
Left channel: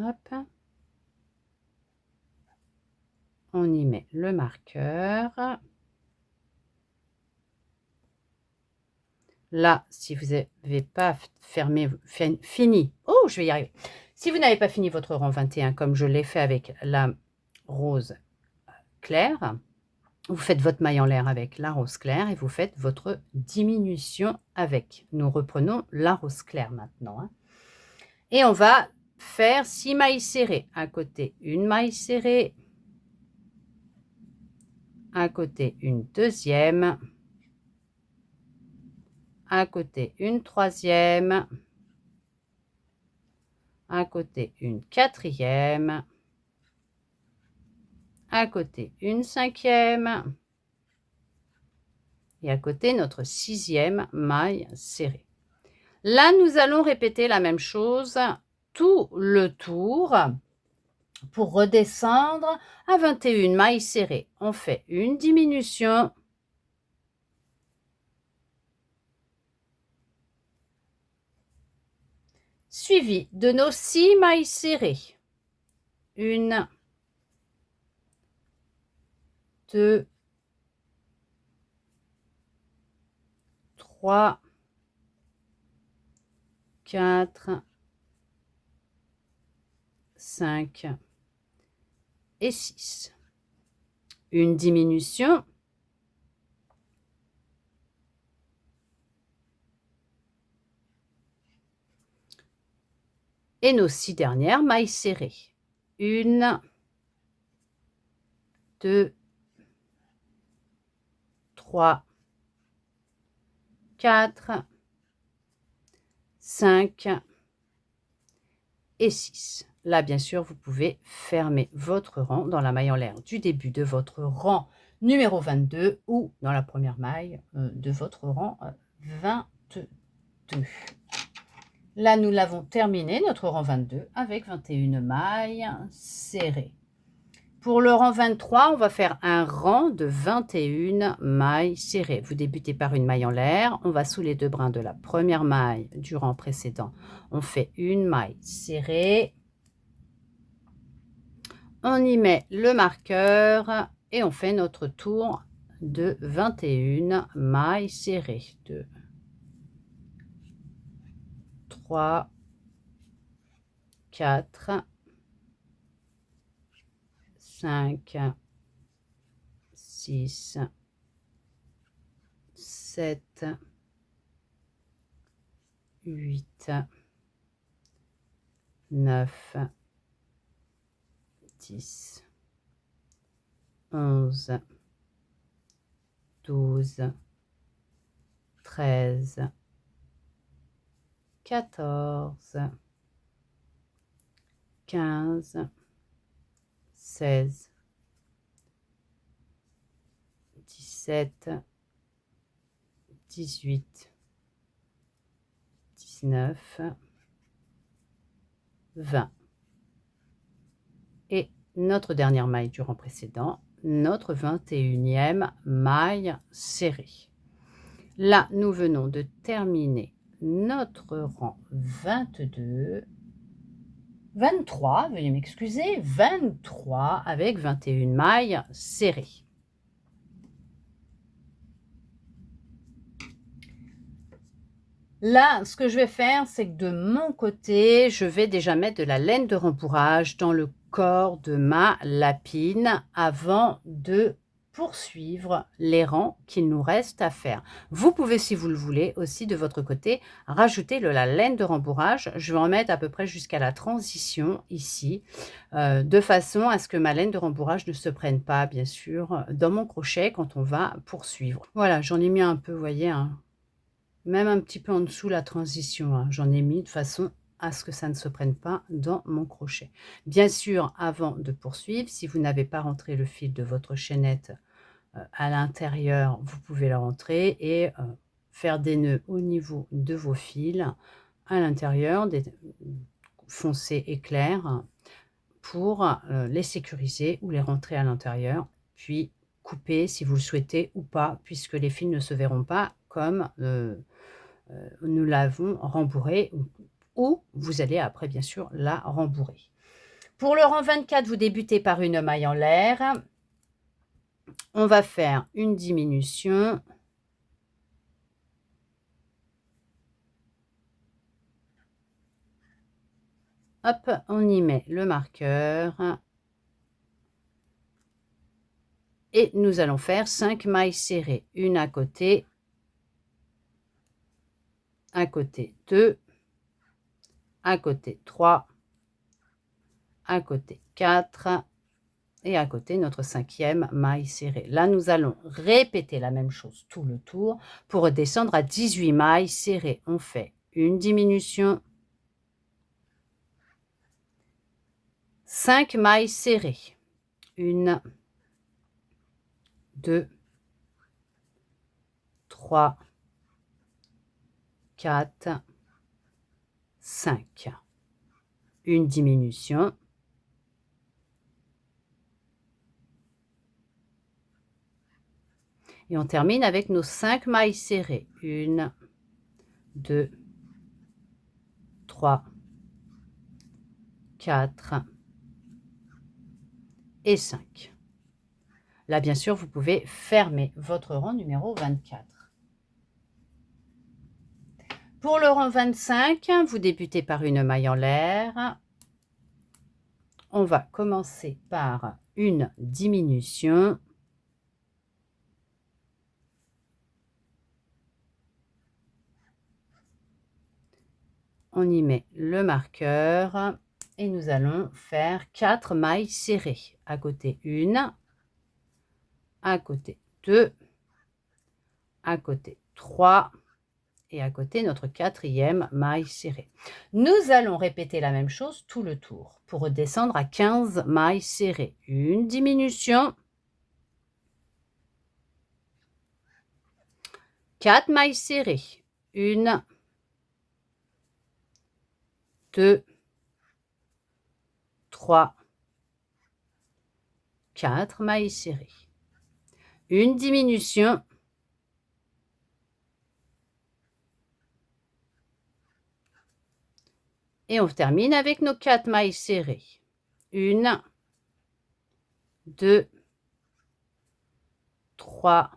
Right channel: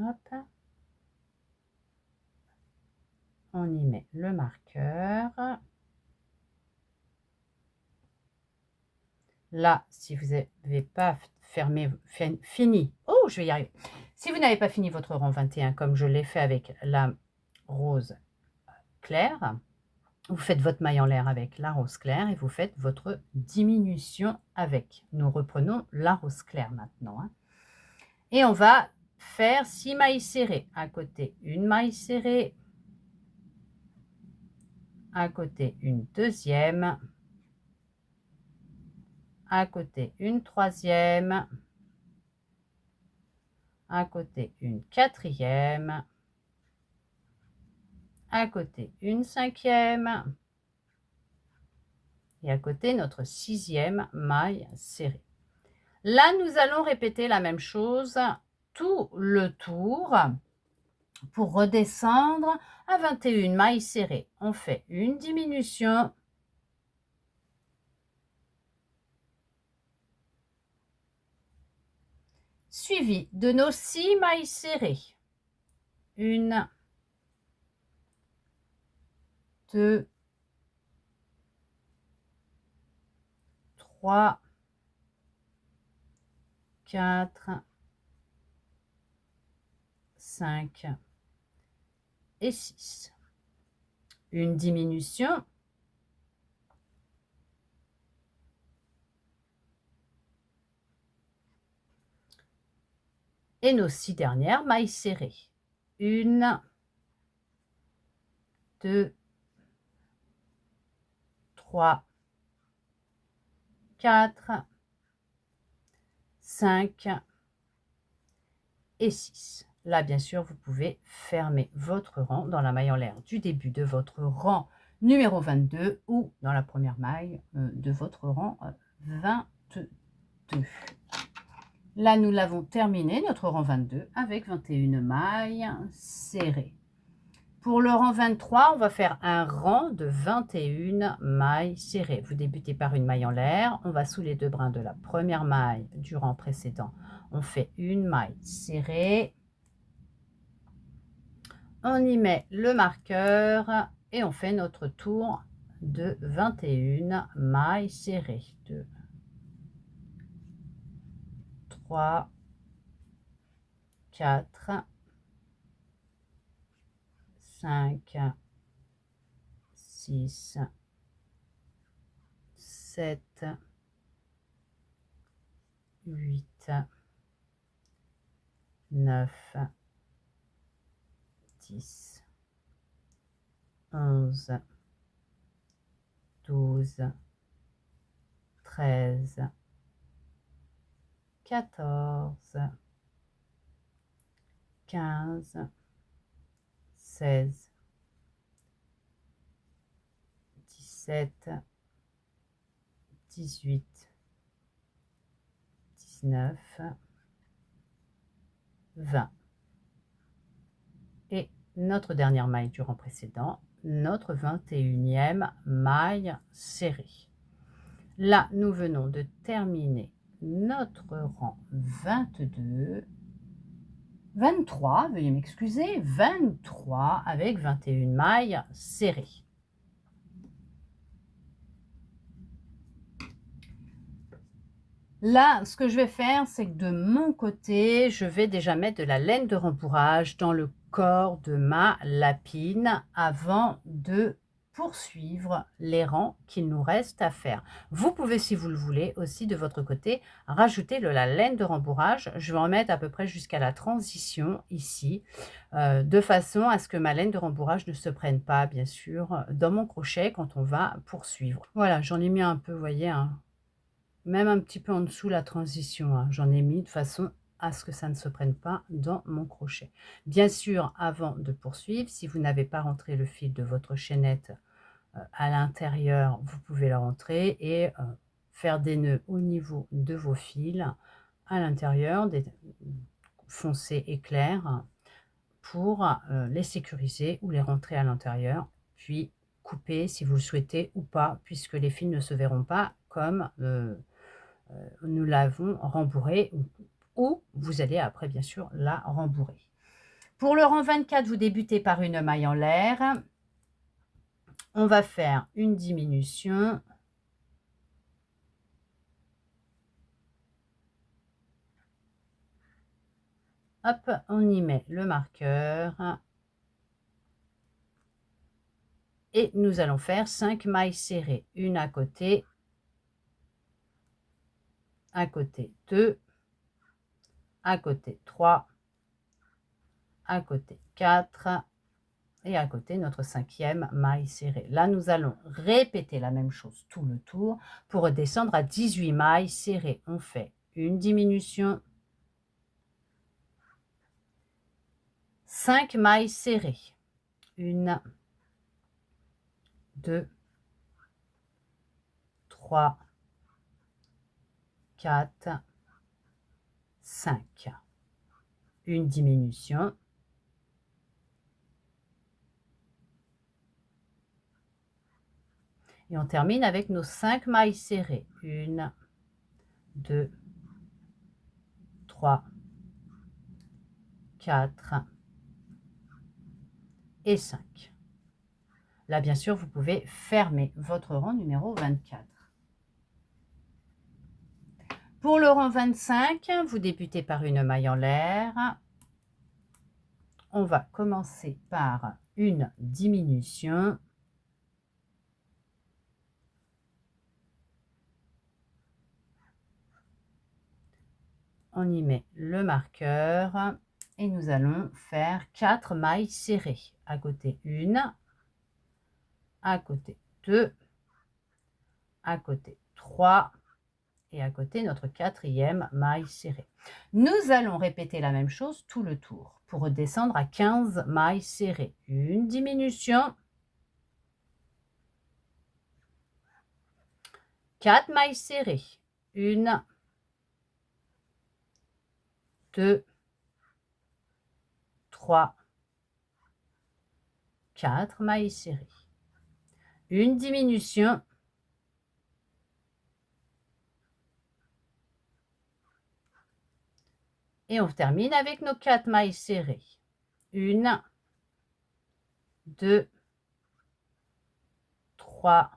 Hop. On y met le marqueur. Là, si vous n'avez pas fini, oh, je vais y arriver. Si vous n'avez pas fini votre rang 21, comme je l'ai fait avec la rose claire, vous faites votre maille en l'air avec la rose claire et vous faites votre diminution avec. Nous reprenons la rose claire maintenant. Et on va faire 6 mailles serrées. À côté, une maille serrée. À côté, une deuxième. À côté, une troisième. À côté, une quatrième. À côté, une cinquième. Et à côté, notre 6e maille serrée. Là, nous allons répéter la même chose tout le tour pour redescendre à 21 mailles serrées. On fait une diminution. suivi de nos 6 mailles serrées. 1, 2, 3, 4, 5 et 6. Une diminution. Et nos 6 dernières mailles serrées. 1, 2, 3, 4, 5 et 6. Là, bien sûr, vous pouvez fermer votre rang dans la maille en l'air du début de votre rang numéro 22 ou dans la première maille de votre rang 22. Là, nous l'avons terminé, notre rang 22, avec 21 mailles serrées. Pour le rang 23, on va faire un rang de 21 mailles serrées. Vous débutez par une maille en l'air. On va sous les 2 brins de la première maille du rang précédent. On fait une maille serrée. On y met le marqueur et on fait notre tour de 21 mailles serrées. 2, 3, 4, 5, 6, 7, 8, 9, 10, 11, 12, 13, 14, 15, 16, 17, 18, 19, 20. Et notre dernière maille du rang précédent, notre 21e maille serrée. Là, nous venons de terminer notre rang 22, 23, veuillez m'excuser, 23 avec 21 mailles serrées. Là, ce que je vais faire, c'est que de mon côté, je vais déjà mettre de la laine de rembourrage dans le corps de ma lapine avant de poursuivre les rangs qu'il nous reste à faire. Vous pouvez, si vous le voulez, aussi de votre côté, rajouter de la laine de rembourrage. Je vais en mettre à peu près jusqu'à la transition ici, de façon à ce que ma laine de rembourrage ne se prenne pas, bien sûr, dans mon crochet quand on va poursuivre. Voilà, j'en ai mis un peu, vous voyez, hein, même un petit peu en dessous la transition, hein. J'en ai mis de façon à ce que ça ne se prenne pas dans mon crochet. Bien sûr, avant de poursuivre, si vous n'avez pas rentré le fil de votre chaînette à l'intérieur, vous pouvez le rentrer et faire des nœuds au niveau de vos fils à l'intérieur, des foncés et clairs, pour les sécuriser ou les rentrer à l'intérieur, puis couper si vous le souhaitez ou pas, puisque les fils ne se verront pas comme nous l'avons rembourrée, ou vous allez après bien sûr la rembourrer. Pour le rang 24, vous débutez par une maille en l'air. On va faire une diminution. Hop, on y met le marqueur. Et nous allons faire 5 mailles serrées, une à côté 2, à côté 3, à côté 4 et à côté notre 5e maille serrée. Là, nous allons répéter la même chose tout le tour pour redescendre à 18 mailles serrées. On fait une diminution, 5 mailles serrées, 1, 2, 3, 4, 5. Une diminution. Et on termine avec nos 5 mailles serrées. 1, 2, 3, 4 et 5. Là, bien sûr, vous pouvez fermer votre rang numéro 24. Pour le rang 25, vous débutez par une maille en l'air. On va commencer par une diminution. On y met le marqueur et nous allons faire 4 mailles serrées. À côté 1, à côté 2, à côté 3 et à côté notre 4e maille serrée. Nous allons répéter la même chose tout le tour pour redescendre à 15 mailles serrées. Une diminution, 4 mailles serrées, 1, 2, 3, 4 mailles serrées, une diminution, et on termine avec nos 4 mailles serrées. 1, 2, 3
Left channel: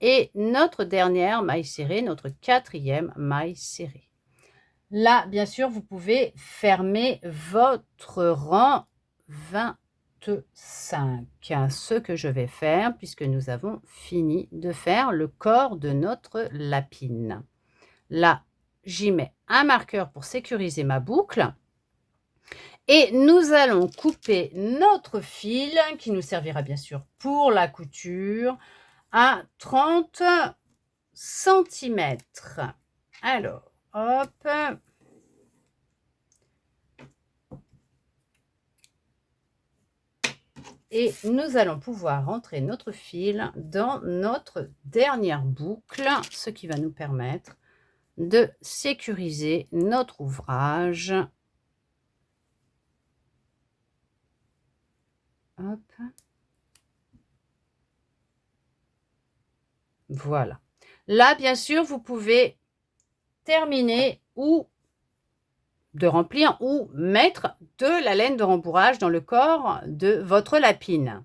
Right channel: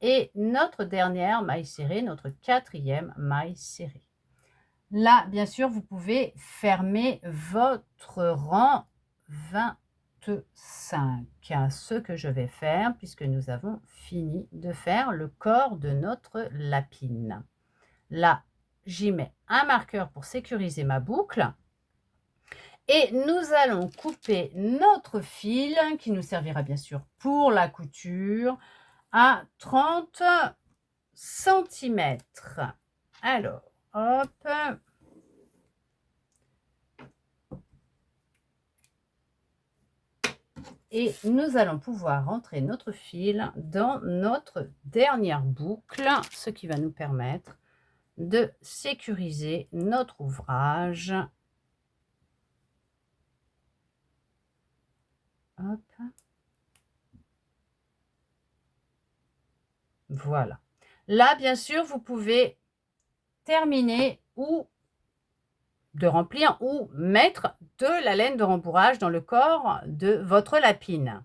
et notre dernière maille serrée, notre 4e maille serrée. Là, bien sûr, vous pouvez fermer votre rang 25. Ce que je vais faire, puisque nous avons fini de faire le corps de notre lapine. Là, j'y mets un marqueur pour sécuriser ma boucle. Et nous allons couper notre fil, qui nous servira bien sûr pour la couture, à 30 cm. Alors, hop. Et nous allons pouvoir rentrer notre fil dans notre dernière boucle, ce qui va nous permettre de sécuriser notre ouvrage. Hop. Voilà. Là, bien sûr, vous pouvez terminer ou de remplir ou mettre de la laine de rembourrage dans le corps de votre lapine.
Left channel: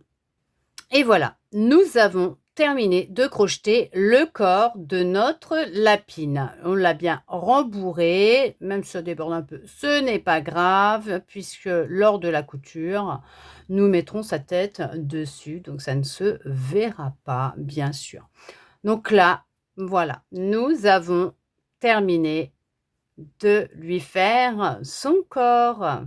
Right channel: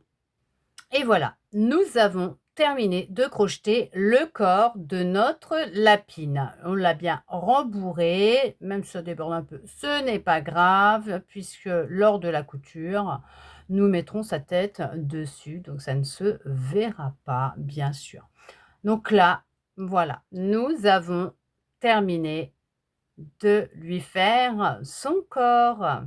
Et voilà, nous avons terminé de crocheter le corps de notre lapine. On l'a bien rembourré, même si ça déborde un peu, ce n'est pas grave, puisque lors de la couture, nous mettrons sa tête dessus, donc ça ne se verra pas, bien sûr. Donc là, voilà, nous avons terminé de lui faire son corps.